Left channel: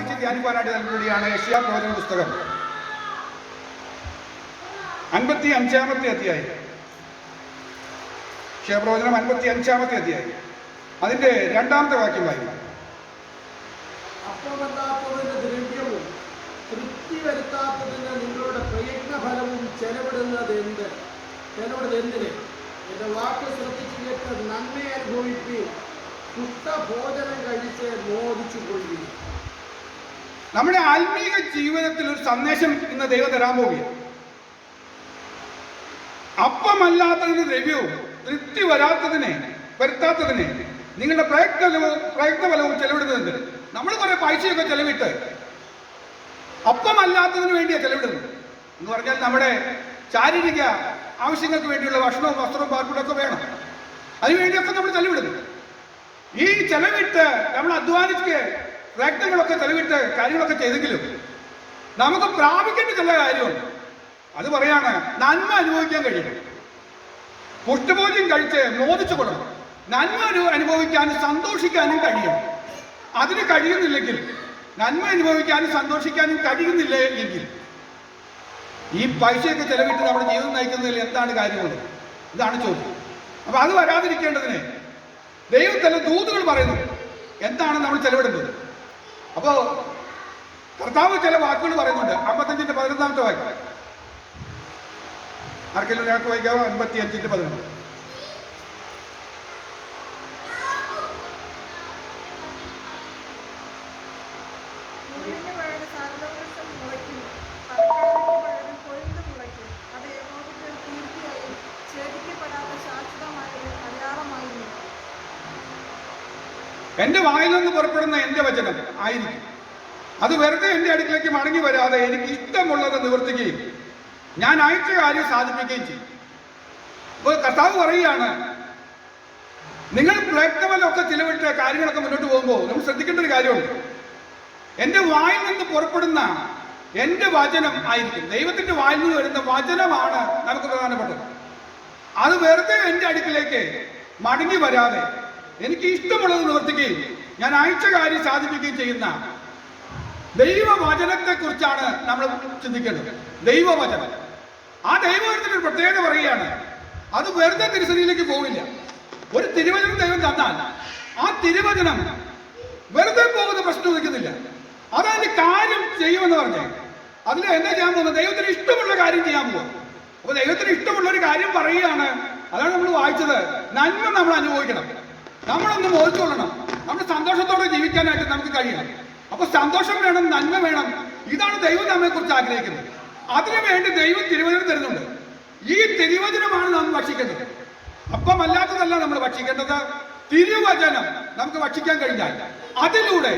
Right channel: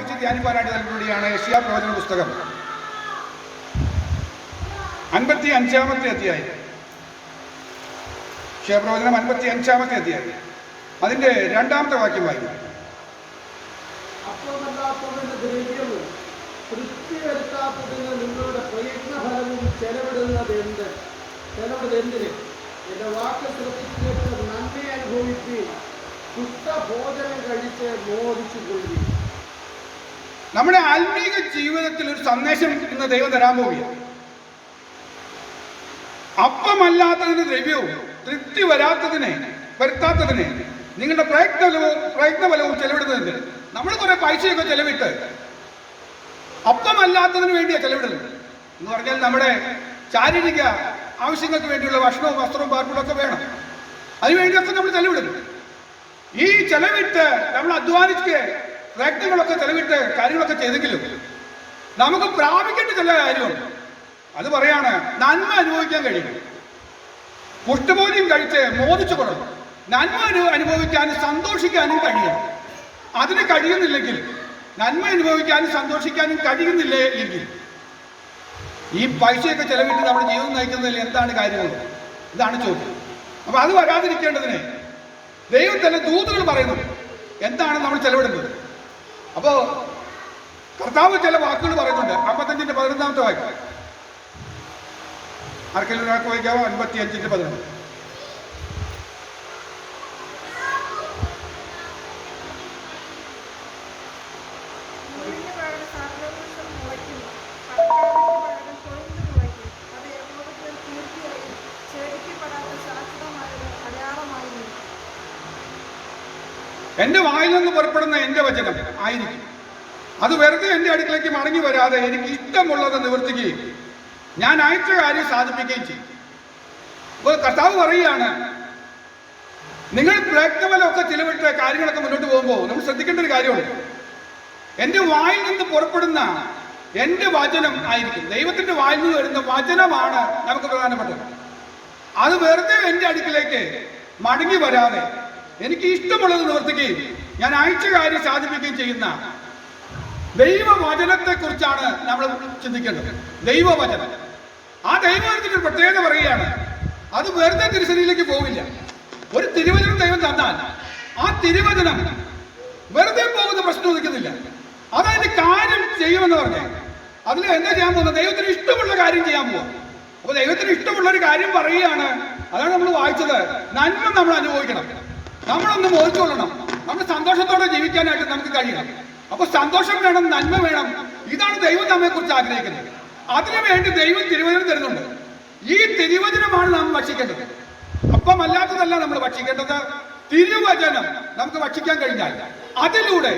വായിച്ച് ധ്യാനിക്കാനായിട്ട് നൽകുകയാണ് യെശയ്യാ പ്രവചന പുസ്തകം 55-ാമത്തെ അധ്യായം. യെശയ്യാ പ്രവചനം 55-ാമത്തെ അധ്യായം അതിന്റെ 2-ാമത്തെ വാക്യം വായിക്കും. ദ്രവ്യവും തൃപ്തി വരുത്താത്തതിന് നിങ്ങളുടെ പ്രയത്നഫലവും ചെലവിടുന്നതെന്തിന്? എന്റെ വാക്ക് ശ്രദ്ധിച്ചിട്ട് നന്മയെ അനുഭവിക്കുകയും ഭോജനം കഴിച്ച് മോദിച്ചു കൊള്ളുകയും. നമ്മുടെ ആത്മീക ജീവിതത്തിൽ ഒരു സന്ദേശം ഇന്ന് ദൈവം തരാൻ പോവുകയാണ്. അപ്പമല്ലാത്തതിന് ദ്രവ്യവും തൃപ്തി വരുത്താത്തതിനെ നിങ്ങളുടെ പ്രയത്നഫലവും ചെലവിടുന്നതിന്. നമ്മൾ കുറെ പൈസയൊക്കെ ചെലവിട്ട് അപ്പമല്ലാത്തതിന് വേണ്ടിയാണ് ചെലവിടുന്നത്. എന്ന് പറഞ്ഞാൽ നമ്മുടെ ശാരീരിക ആവശ്യങ്ങൾക്ക് വേണ്ടിയുള്ള ഭക്ഷണവും വസ്ത്രവും പാർപ്പിടമൊക്കെ വേണം. അതിനുവേണ്ടിയൊക്കെ നമ്മൾ ചെലവിടുന്നു. ഈ ചെലവിട്ട് നമ്മൾ അധ്വാനിച്ച് പ്രയത്നങ്ങളൊക്കെ ചെലവിട്ട് കാര്യങ്ങളൊക്കെ ചെയ്തെങ്കിലും നമുക്ക് പ്രാപിക്കേണ്ട ചില കാര്യമുണ്ട്. അത് പറയാണ്, നന്മ അനുഭവിക്കാൻ കഴിയണം. പുഷ്ടിഭോജ്യം കഴിച്ച് മോദിച്ചു കൊള്ളണം. നന്മ അനുഭവിക്കാനും സന്തോഷിക്കാനും കഴിയണം. അതിന് കഴിയുന്നില്ലെങ്കിൽ, നന്മ അനുഭവിക്കാനും സന്തോഷിക്കാനും കഴിയുന്നില്ല എങ്കിൽ ഈ പൈസയൊക്കെ ചെലവിട്ട് നമ്മുടെ ജീവിതം നയിക്കുന്നതിൽ എന്താണ് കാര്യമുള്ളത്? ഇതാണ് ചോദ്യം. അപ്പൊ അത് വരാതിരിക്കേണ്ടതിന് ദൈവം തന്നെ ദൂതുകൾ പറയുന്നു എന്താണ് നമ്മൾ ചെലവിടുന്നത്. അപ്പോ കർത്താവ് ചില വാക്കുകൾ പറയുന്നുണ്ട്. 55-ന്റെ 11-ാമത്തെ വാക്യം ആർക്കെങ്കിലും ഒരാൾക്ക് വായിക്കാവോ? 55-11. എന്റെ വായിൽ നിന്ന് പുറപ്പെടുന്ന എന്റെ വചനം ആയിരിക്കും. അത് വെറുതെ എന്റെ അടുക്കിലേക്ക് മടങ്ങി വരാതെ എനിക്ക് ഇഷ്ടമുള്ളത് നിവർത്തിക്കുകയും ഞാൻ അയച്ച കാര്യം സാധിപ്പിക്കുകയും ചെയ്യും. അപ്പോൾ കർത്താവ് പറയുകയാണ്, നിങ്ങൾ പ്രയത്നമൊക്കെ ചിലവിട്ട് കാര്യങ്ങളൊക്കെ മുന്നോട്ട് പോകുമ്പോൾ നമ്മൾ ശ്രദ്ധിക്കേണ്ട ഒരു കാര്യമുണ്ട്. എന്റെ വായിൽ നിന്ന് പുറപ്പെടുന്ന എന്റെ വചനം ആയിരിക്കും. ദൈവത്തിന്റെ വായിൽ നിന്ന് വരുന്ന വചനമാണ് നമുക്ക് പ്രധാനപ്പെട്ടത്. അത് വെറുതെ എന്റെ അടുക്കിലേക്ക് മടങ്ങി വരാതെ എനിക്ക് ഇഷ്ടമുള്ളത് നിവർത്തിക്കുകയും ഞാൻ അയച്ച കാര്യം സാധിപ്പിക്കുകയും ചെയ്യുന്ന ദൈവവചനത്തെ കുറിച്ചാണ് നമ്മൾ ചിന്തിക്കേണ്ടത്. ദൈവവചനം, ആ ദൈവവചനത്തിന് ഒരു പ്രത്യേകത പറയുകയാണ്, അത് വെറുതെ തിരുസന്നിധിയിലേക്ക് പോവില്ല. ഒരു തിരുവചനം ദൈവം തന്നാൽ ആ തിരുവചനം വെറുതെ പോകുന്ന പ്രശ്നം നിൽക്കുന്നില്ല. അതതിന്റെ കാര്യം ചെയ്യുമെന്ന് പറഞ്ഞേ അതിൽ എന്താ ചെയ്യാൻ പോകുന്നത്? ദൈവത്തിന് ഇഷ്ടമുള്ള കാര്യം ചെയ്യാൻ പോവാ. അപ്പൊ ദൈവത്തിന് ഇഷ്ടമുള്ള ഒരു കാര്യം പറയുകയാണ്. അതാണ് നമ്മൾ വായിച്ചത്. നന്മ നമ്മൾ അനുഭവിക്കണം, നമ്മളൊന്ന് മോചിച്ചുകൊള്ളണം, നമ്മൾ സന്തോഷത്തോടെ ജീവിക്കാനായിട്ട് നമുക്ക് കഴിയണം. അപ്പൊ സന്തോഷം വേണം, നന്മ വേണം. ഇതാണ് ദൈവം നമ്മെ കുറിച്ച് ആഗ്രഹിക്കുന്നത്. അതിനുവേണ്ടി ദൈവം തിരുവചനം തരുന്നുണ്ട്. ഈ തിരുവചനമാണ് നാം ഭക്ഷിക്കേണ്ടത്. അപ്പമല്ലാത്തതല്ല നമ്മൾ ഭക്ഷിക്കേണ്ടത്. തിരുവചനം നമുക്ക് ഭക്ഷിക്കാൻ കഴിഞ്ഞാൽ അതിലൂടെ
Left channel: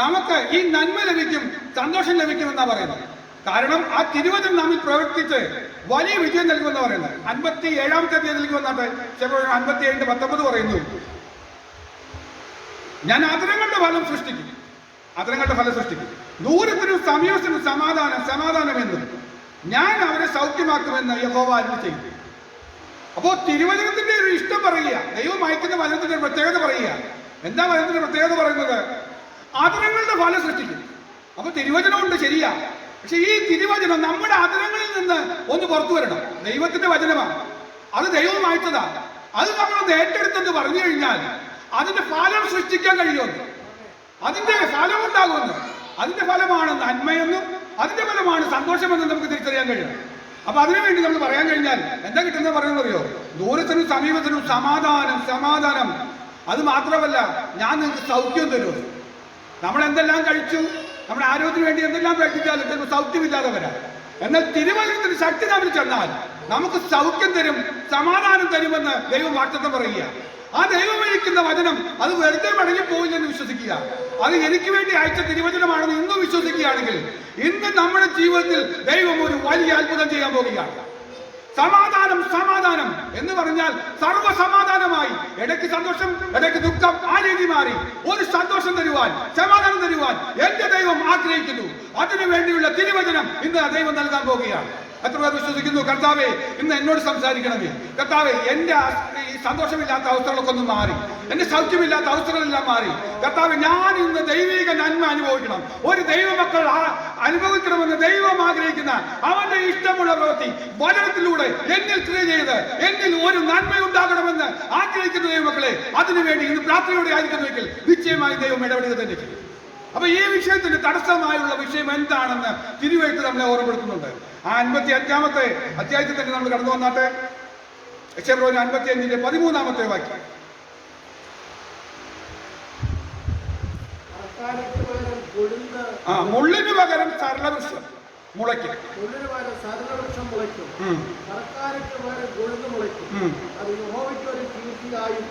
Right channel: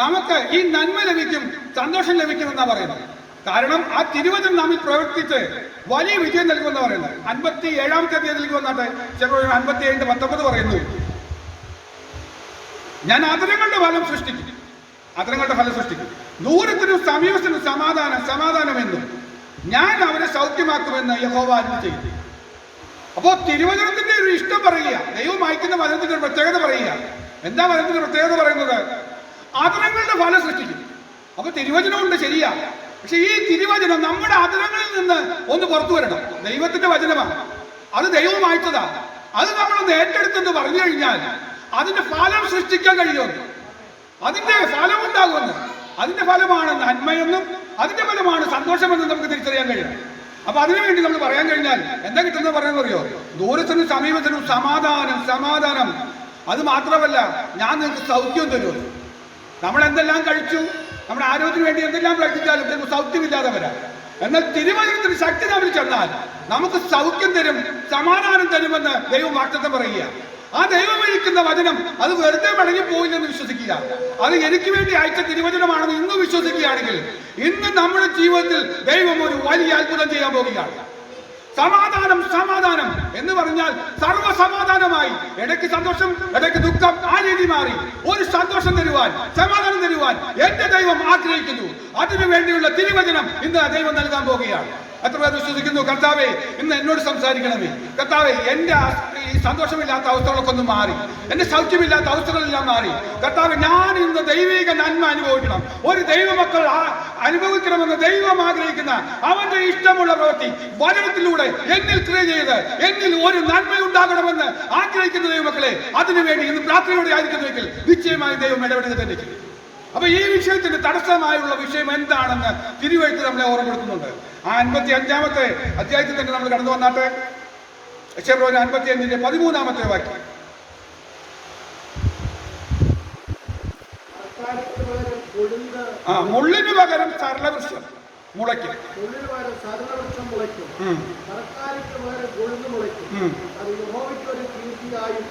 നമുക്ക് ഈ നന്മ ലഭിക്കും, സന്തോഷം ലഭിക്കും എന്നാ പറയുന്നത്. കാരണം ആ തിരുവചനം നമ്മിൽ പ്രവർത്തിച്ച് വലിയ വിജയം നൽകുമെന്ന് പറയുന്നത്. 57-ാമത്തെ അധ്യായത്തിലേക്ക് വന്നാട്ടെ. 57-19 പറയുന്നു, ഞാൻ അധരങ്ങളുടെ ഫലം സൃഷ്ടിക്കും. ദൂരത്തിനും സമീപത്തിനും സമാധാനമെന്നും ഞാൻ അവരെ സൗഖ്യമാക്കുമെന്ന് യഹോവ അരുളി ചെയ്തു. അപ്പോ തിരുവചനത്തിന്റെ ഒരു ഇഷ്ടം പറയുക, ദൈവം അയക്കുന്ന വചനത്തിന്റെ ഒരു പ്രത്യേകത പറയുക. എന്താ വചനത്തിന്റെ പ്രത്യേകത പറയുന്നത്? അധരങ്ങളുടെ ഫലം സൃഷ്ടിക്കും. അപ്പൊ തിരുവചനമുണ്ട്, ശരിയാ. പക്ഷെ ഈ തിരുവചനം നമ്മുടെ അധരങ്ങളിൽ നിന്ന് ഒന്ന് പുറത്തു വരണം. ദൈവത്തിന്റെ വചനമാണ്, അത് ദൈവം അയച്ചതാ. അത് നമ്മളൊന്ന് ഏറ്റെടുത്തെന്ന് പറഞ്ഞു കഴിഞ്ഞാൽ അതിന്റെ ഫലം സൃഷ്ടിക്കാൻ കഴിയുമെന്ന്, അതിന്റെ ഫലം ഉണ്ടാകുമെന്ന്. അതിന്റെ ഫലമാണ് നന്മയെന്നും അതിന്റെ ഫലമാണ് സന്തോഷമെന്നും നമുക്ക് തിരിച്ചറിയാൻ കഴിയണം. അപ്പൊ അതിനുവേണ്ടി നമ്മൾ പറയാൻ കഴിഞ്ഞാൽ എന്താ കിട്ടുന്നത് പറയുന്നത് അറിയോ? ദൂരത്തിനും സമീപത്തിനും സമാധാനം. അത് മാത്രമല്ല, ഞാൻ നിങ്ങൾക്ക് സൗഖ്യം തരും. നമ്മൾ എന്തെല്ലാം കഴിച്ചു, നമ്മുടെ ആരോഗ്യത്തിന് വേണ്ടി എന്തെല്ലാം പ്രയത്നിച്ചാലും ചിലപ്പോൾ സൗഖ്യമില്ലാതെ വരാം. എന്നാൽ തിരുവചനത്തിന് ശക്തി നമ്മൾ ചെന്നാൽ നമുക്ക് സൗഖ്യം തരും, സമാധാനം തരുമെന്ന് ദൈവം വാഗ്ദത്തം പറയുക. ആ ദൈവം അയക്കുന്ന വചനം അത് വെറുതെ മടങ്ങി പോയില്ലെന്ന് വിശ്വസിക്കുക. അത് എനിക്ക് വേണ്ടി അയച്ച തിരുവചനമാണെന്ന് ഇന്ന് വിശ്വസിക്കുകയാണെങ്കിൽ ഇന്ന് നമ്മുടെ ജീവിതത്തിൽ ദൈവം ഒരു വലിയ അത്ഭുതം ചെയ്യാൻ പോവുകയാണ്. സമാധാനം എന്ന് പറഞ്ഞാൽ സർവ്വസമാധാനമായി, ഇടയ്ക്ക് സന്തോഷം ഇടയ്ക്ക് ദുഃഖം, ആ രീതി മാറി ഒരു സന്തോഷം തരുവാൻ, സമാധാനം തരുവാൻ എന്റെ ദൈവം ആഗ്രഹിക്കുന്നു. അതിനു വേണ്ടിയുള്ള തിരുവചനം ഇന്ന് ദൈവം നൽകാൻ പോവുകയാണ്. എത്ര പേർ വിശ്വസിക്കുന്നു? കർത്താവേ, ഇന്ന് എന്നോട് സംസാരിക്കണമേ. കർത്താവേ, എന്റെ സന്തോഷമില്ലാത്ത അവസ്ഥകളൊക്കെ ഒന്ന് മാറി, എന്റെ സൗഖ്യമില്ലാത്ത അവസ്ഥകളെല്ലാം മാറി. കർത്താവ്, ഞാൻ ഇന്ന് ദൈവിക നന്മ അനുഭവിക്കണം. ഒരു ദൈവമക്കൾ അനുഭവിക്കണമെന്ന് ദൈവം ആഗ്രഹിക്കുന്ന അവന്റെ ഇഷ്ടമുള്ള പ്രവൃത്തി വചനത്തിലൂടെ എന്നിൽ ക്രിയ ചെയ്ത് എന്നിൽ ഒരു നന്മയുണ്ടാകണമെന്ന് ആഗ്രഹിക്കുന്ന ദൈവമക്കളെ, അതിനുവേണ്ടി ഇന്ന് പ്രാർത്ഥനയോടെ ആയിരിക്കുന്നുവെങ്കിൽ നിശ്ചയമായി ദൈവം ഇടപെടുക തന്നെ ചെയ്യും. അപ്പൊ ഈ വിഷയത്തിന്റെ തടസ്സമായുള്ള വിഷയം എന്താണെന്ന് തിരുവെഴുത്ത് നമ്മളെ ഓർമ്മപ്പെടുത്തുന്നുണ്ട്. ആ 55-ാമത്തെ അധ്യായത്തിൽ തന്നെ നമ്മൾ കടന്നു വന്നാട്ടെ. യെശയ്യാ 55-ന്റെ 13-ാമത്തെ വാക്യം. മുള്ളിന് പകരം സരളവൃക്ഷം മുളയ്ക്കും. മുള്ളിന് പകരം സരളവൃക്ഷം മുളയ്ക്കും. മരക്കാലത്ത് പകരം കൊഴുന്ന് മുളയ്ക്കും. അത് യഹോവയ്ക്ക് ഒരു കീർത്തിയായും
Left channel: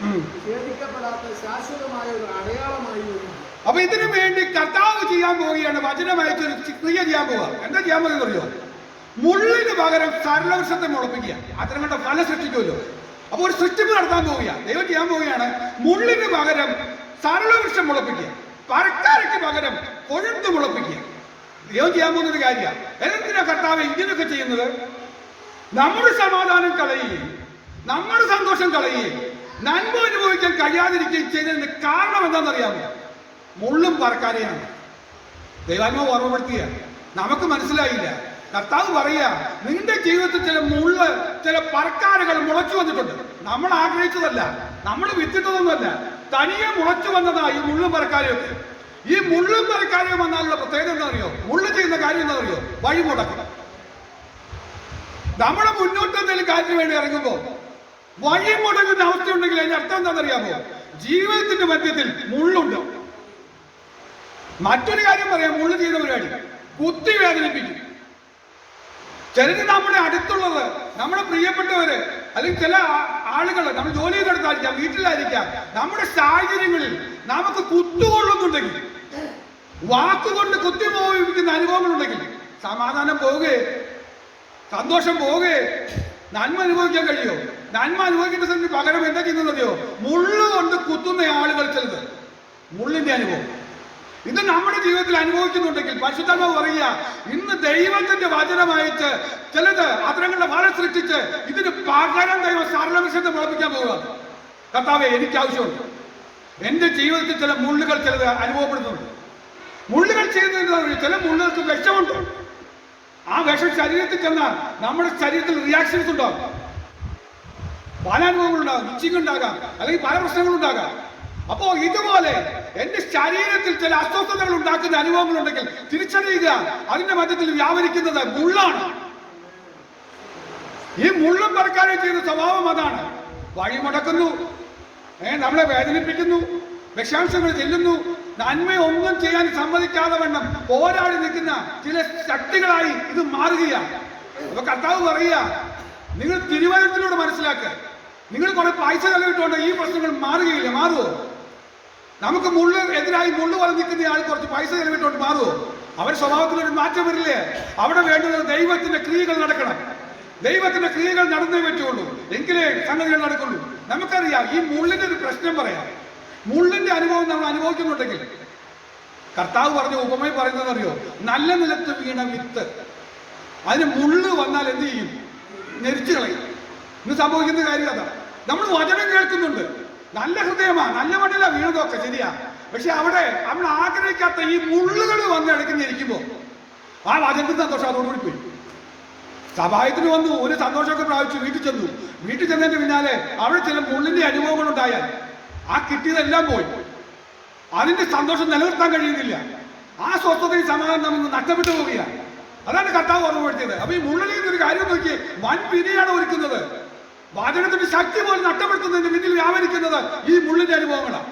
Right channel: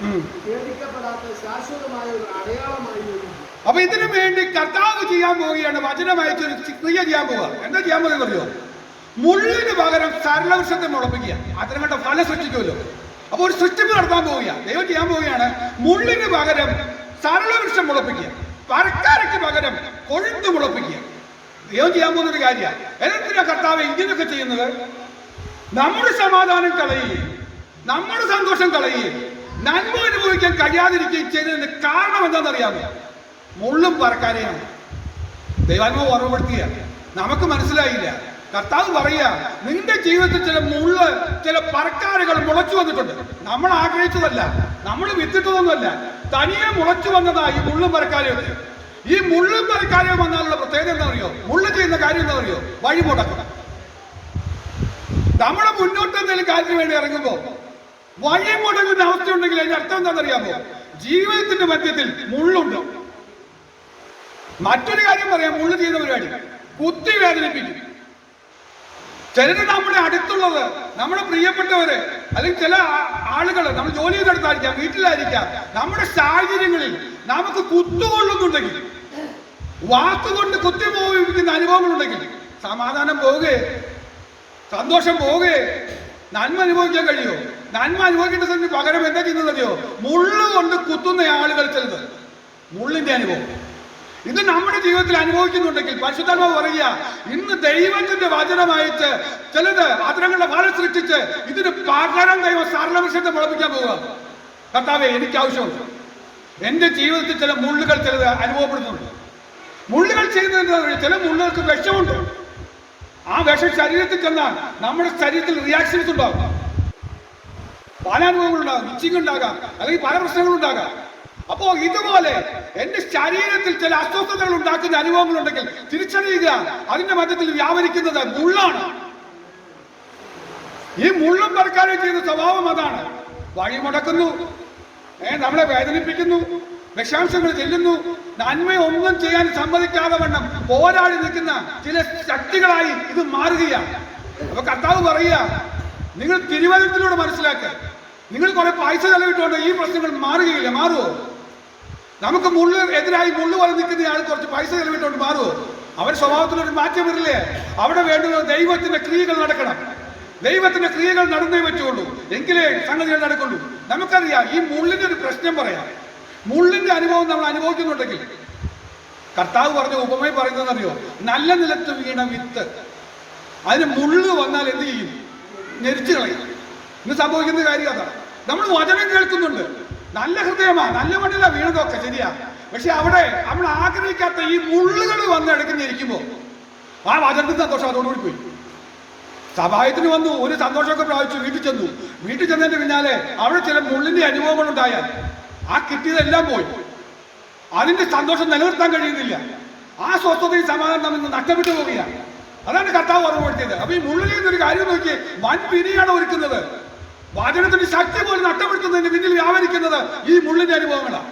ഛേദിക്കപ്പെടാത്ത ശാശ്വതമായ ഒരു അടയാളമായി വരും. അപ്പൊ ഇതിനു വേണ്ടി കർത്താവ് ചെയ്യാൻ പോവുകയാണ്, വചനമായിട്ട് ഒരു ക്രിയ ചെയ്യാൻ പോവുക. എന്താ ചെയ്യാൻ പോകുന്നത് അറിയോ? മുള്ളിന് പകരം സരളവൃക്ഷത്തെ മുളപ്പിക്കുക. അത്തരം കണ്ട ഫലം സൃഷ്ടിക്കുമല്ലോ. അപ്പൊ ഒരു സൃഷ്ടിപ്പ് നടത്താൻ പോവുക. ദൈവം ചെയ്യാൻ പോവുകയാണ്, മുള്ളിന് പകരം സരളവൃക്ഷം മുളപ്പിക്കുക, മരക്കാരയ്ക്ക് പകരം കൊഴുന്ത് മുളപ്പിക്കുക. ദൈവം ചെയ്യാൻ പോകുന്നൊരു കാര്യമാണ്. എന്തിനാ കർത്താവ് ഇതിനൊക്കെ ചെയ്യുന്നത്? നമ്മുടെ സമാധാനം കളയുകയും നമ്മുടെ സന്തോഷം കളയുകയും നന്മ അനുഭവിക്കാൻ കഴിയാതിരിക്കുകയും ചെയ്തതിന്റെ കാരണം എന്താണെന്നറിയാമോ? മുള്ളും പറക്കാരെയാണ്. ദൈവാത്മാവ് ഓർമ്മപ്പെടുത്തുക. നമുക്ക് മനസ്സിലായില്ല. കർത്താവ് പറയുക, നിന്റെ ജീവിതത്തിൽ ചില മുള്ള്, ചില പറക്കാരകൾ മുളച്ചു വന്നിട്ടുണ്ട്. നമ്മൾ ആഗ്രഹിച്ചതല്ല, നമ്മൾ വിത്തിട്ടതൊന്നുമല്ല, തനിയെ മുളച്ചു വന്നതായി മുള്ളും പറക്കാരെയൊക്കെ. ഈ മുള്ളും പറക്കാരെയും വന്നാലുള്ള പ്രത്യേകത എന്താ അറിയോ? മുള്ളു ചെയ്യുന്ന കാര്യം എന്താ അറിയോ? വഴിമുടക്കുക. നമ്മുടെ മുന്നോട്ട് എന്തെങ്കിലും കാര്യത്തിന് വേണ്ടി ഇറങ്ങുമ്പോൾ വഴി മുടങ്ങുന്ന അവസ്ഥയുണ്ടെങ്കിൽ അതിന്റെ അർത്ഥം എന്താണെന്നറിയാമോ? ജീവിതത്തിന്റെ മധ്യത്തിൽ മുള്ളുണ്ട്. മറ്റൊരു കാര്യം പറയാം, മുള്ളു ചെയ്യുന്ന പരിപാടി കുത്തി വേദനിപ്പിക്കും. ചിലര് നമ്മുടെ അടുത്തുള്ളത്, നമ്മുടെ പ്രിയപ്പെട്ടവര്, അല്ലെങ്കിൽ ചില ആളുകൾ നമ്മൾ ജോലി ചെയ്തെടുത്തായിരിക്കാം, വീട്ടിലായിരിക്കാം, നമ്മുടെ സാഹചര്യങ്ങളിൽ നമുക്ക് കുത്തുകൊള്ളുന്നുണ്ടെങ്കിൽ, വാക്കുകൊണ്ട് കുത്തി മോഹിപ്പിക്കുന്ന അനുഭവങ്ങളുണ്ടെങ്കിൽ സമാധാനം പോവുകയെ, സന്തോഷം പോവുകയെ, നന്മ അനുഭവിക്കാൻ കഴിയുമോ? നന്മ അനുഭവിക്കേണ്ടതിന് പകരം എന്താ ചെയ്യുന്നതറിയോ? മുള്ളുകൊണ്ട് കുത്തുന്ന ആളുകൾ ചിലത്, മുള്ളിന്റെ അനുഭവം. ഇത് നമ്മുടെ ജീവിതത്തിൽ അനുഭവിക്കുന്നുണ്ടെങ്കിൽ പരിശുദ്ധാത്മാവ് പറയുക, ഇന്ന് ദൈവത്തിന്റെ വചനമായിട്ട് ചിലത് അതരങ്ങളുടെ ഫലം സൃഷ്ടിച്ച് ഇതിന് പകരം ദൈവം സരളവൃക്ഷത്തെ മുളപ്പിക്കാൻ പോവുക. കർത്താവേ, എനിക്ക് ആവശ്യമുണ്ട്. എന്റെ ജീവിതത്തിൽ ചില മുള്ളുകൾ ചിലത് അനുഭവപ്പെടുന്നുണ്ട്. മുള്ളുകൾ ചെയ്യുന്നതെന്ന് ചില മുള്ളുകൾക്ക് വിഷമുണ്ട്. ആ വിഷം ശരീരത്തിൽ ചെന്നാൽ നമ്മുടെ ശരീരത്തിൽ റിയാക്ഷൻസ് ഉണ്ടാകും. പല അനുഭവങ്ങളുണ്ടാകും, ഇച്ചിങ് ഉണ്ടാകാം, അല്ലെങ്കിൽ പല പ്രശ്നങ്ങളുണ്ടാകാം. അപ്പോ ഇതുപോലെ എന്റെ ശരീരത്തിൽ ചില അസ്വസ്ഥതകൾ ഉണ്ടാക്കുന്ന അനുഭവങ്ങളുണ്ടെങ്കിൽ തിരിച്ചറിയുക, അതിന്റെ മധ്യത്തിൽ വ്യാപരിക്കുന്നത് മുള്ളാണ്. ഈ മുള്ളും പറക്കാനും ചെയ്യുന്ന സ്വഭാവം അതാണ്. വഴി മുടക്കുന്നു, നമ്മളെ വേദനിപ്പിക്കുന്നു, വിഷാംശങ്ങൾ ചെല്ലുന്നു, നന്മയൊന്നും ചെയ്യാൻ സമ്മതിക്കാതെ വണ്ണം പോരാടി നിൽക്കുന്ന ചില ശക്തികളായി ഇത് മാറുകയാണ്. അപ്പൊ കർത്താവ് പറയുക, നിങ്ങൾ തിരുവചനത്തിലൂടെ മനസ്സിലാക്കുക. നിങ്ങൾ കുറെ പൈസ ചെലവിട്ടുകൊണ്ട് ഈ പ്രശ്നങ്ങൾ മാറുകയില്ല. മാറുമോ? നമുക്ക് മുള്ളു എതിരായി മുള്ളു പോലെ നിൽക്കുന്ന ആൾ കുറച്ച് പൈസ ചെലവിട്ടുകൊണ്ട് മാറുമോ? അവരുടെ സ്വഭാവത്തിലൊരു മാറ്റം വരില്ലേ? അവിടെ വേണ്ടുന്നത് ദൈവത്തിന്റെ ക്രിയകൾ നടക്കണം. ദൈവത്തിന്റെ ക്രിയകൾ നടന്നേ പറ്റുള്ളൂ, എങ്കിലേ സംഗതികൾ നടക്കുള്ളൂ. നമുക്കറിയാം, ഈ മുള്ളിന്റെ ഒരു പ്രശ്നം പറയാം. മുള്ളിന്റെ അനുഭവം നമ്മൾ അനുഭവിക്കുന്നുണ്ടെങ്കിൽ കർത്താവ് പറഞ്ഞ ഉപമയിൽ പറയുന്നതെന്നറിയോ? നല്ല നിലത്ത് വീണ വിത്ത്, അതിന് മുള്ളു വന്നാൽ എന്ത് ചെയ്യും? ഞെരിച്ചു കളയും. ഇന്ന് സംഭവിക്കുന്ന കാര്യം അതാ. നമ്മൾ വചനം കേൾക്കുന്നുണ്ട്, നല്ല ഹൃദയമാണ്, നല്ല മണ്ണില വീണതൊക്കെ ശരിയാ. പക്ഷെ അവിടെ നമ്മൾ ആഗ്രഹിക്കാത്ത ഈ മുള്ളുകൾ വന്ന് ഇടയ്ക്കുന്നിരിക്കുമ്പോൾ ആ വചനത്തിന് സന്തോഷം അതോടുകൂടി പോയി. സഭായത്തിന് വന്നു, ഒരു സന്തോഷമൊക്കെ പ്രാപിച്ചു, വീട്ടിൽ ചെന്നു. വീട്ടിൽ ചെന്നതിന്റെ പിന്നാലെ അവിടെ ചില മുള്ളിന്റെ അനുഭവങ്ങൾ ഉണ്ടായാൽ ആ കിട്ടിയതെല്ലാം പോയി. അതിന്റെ സന്തോഷം നിലനിർത്താൻ കഴിയുന്നില്ല. ആ സ്വസ്ഥതയും സമാധാനം നമ്മൾ നഷ്ടപ്പെട്ടു പോവുകയാണ്. അതാണ് കർത്താവ് ഓർമ്മപ്പെടുത്തിയത്. അപ്പൊ ഈ മുള്ളിൽ ഒരു കാര്യം നോക്കി, വൻ പിരിയാണ് ഒരുക്കുന്നത്. വചനത്തിന്റെ ശക്തി പോലും നഷ്ടപ്പെടുത്തുന്നതിന് പിന്നിൽ വ്യാപരിക്കുന്നത് ഈ മുള്ളിന്റെ അനുഭവങ്ങളാണ്.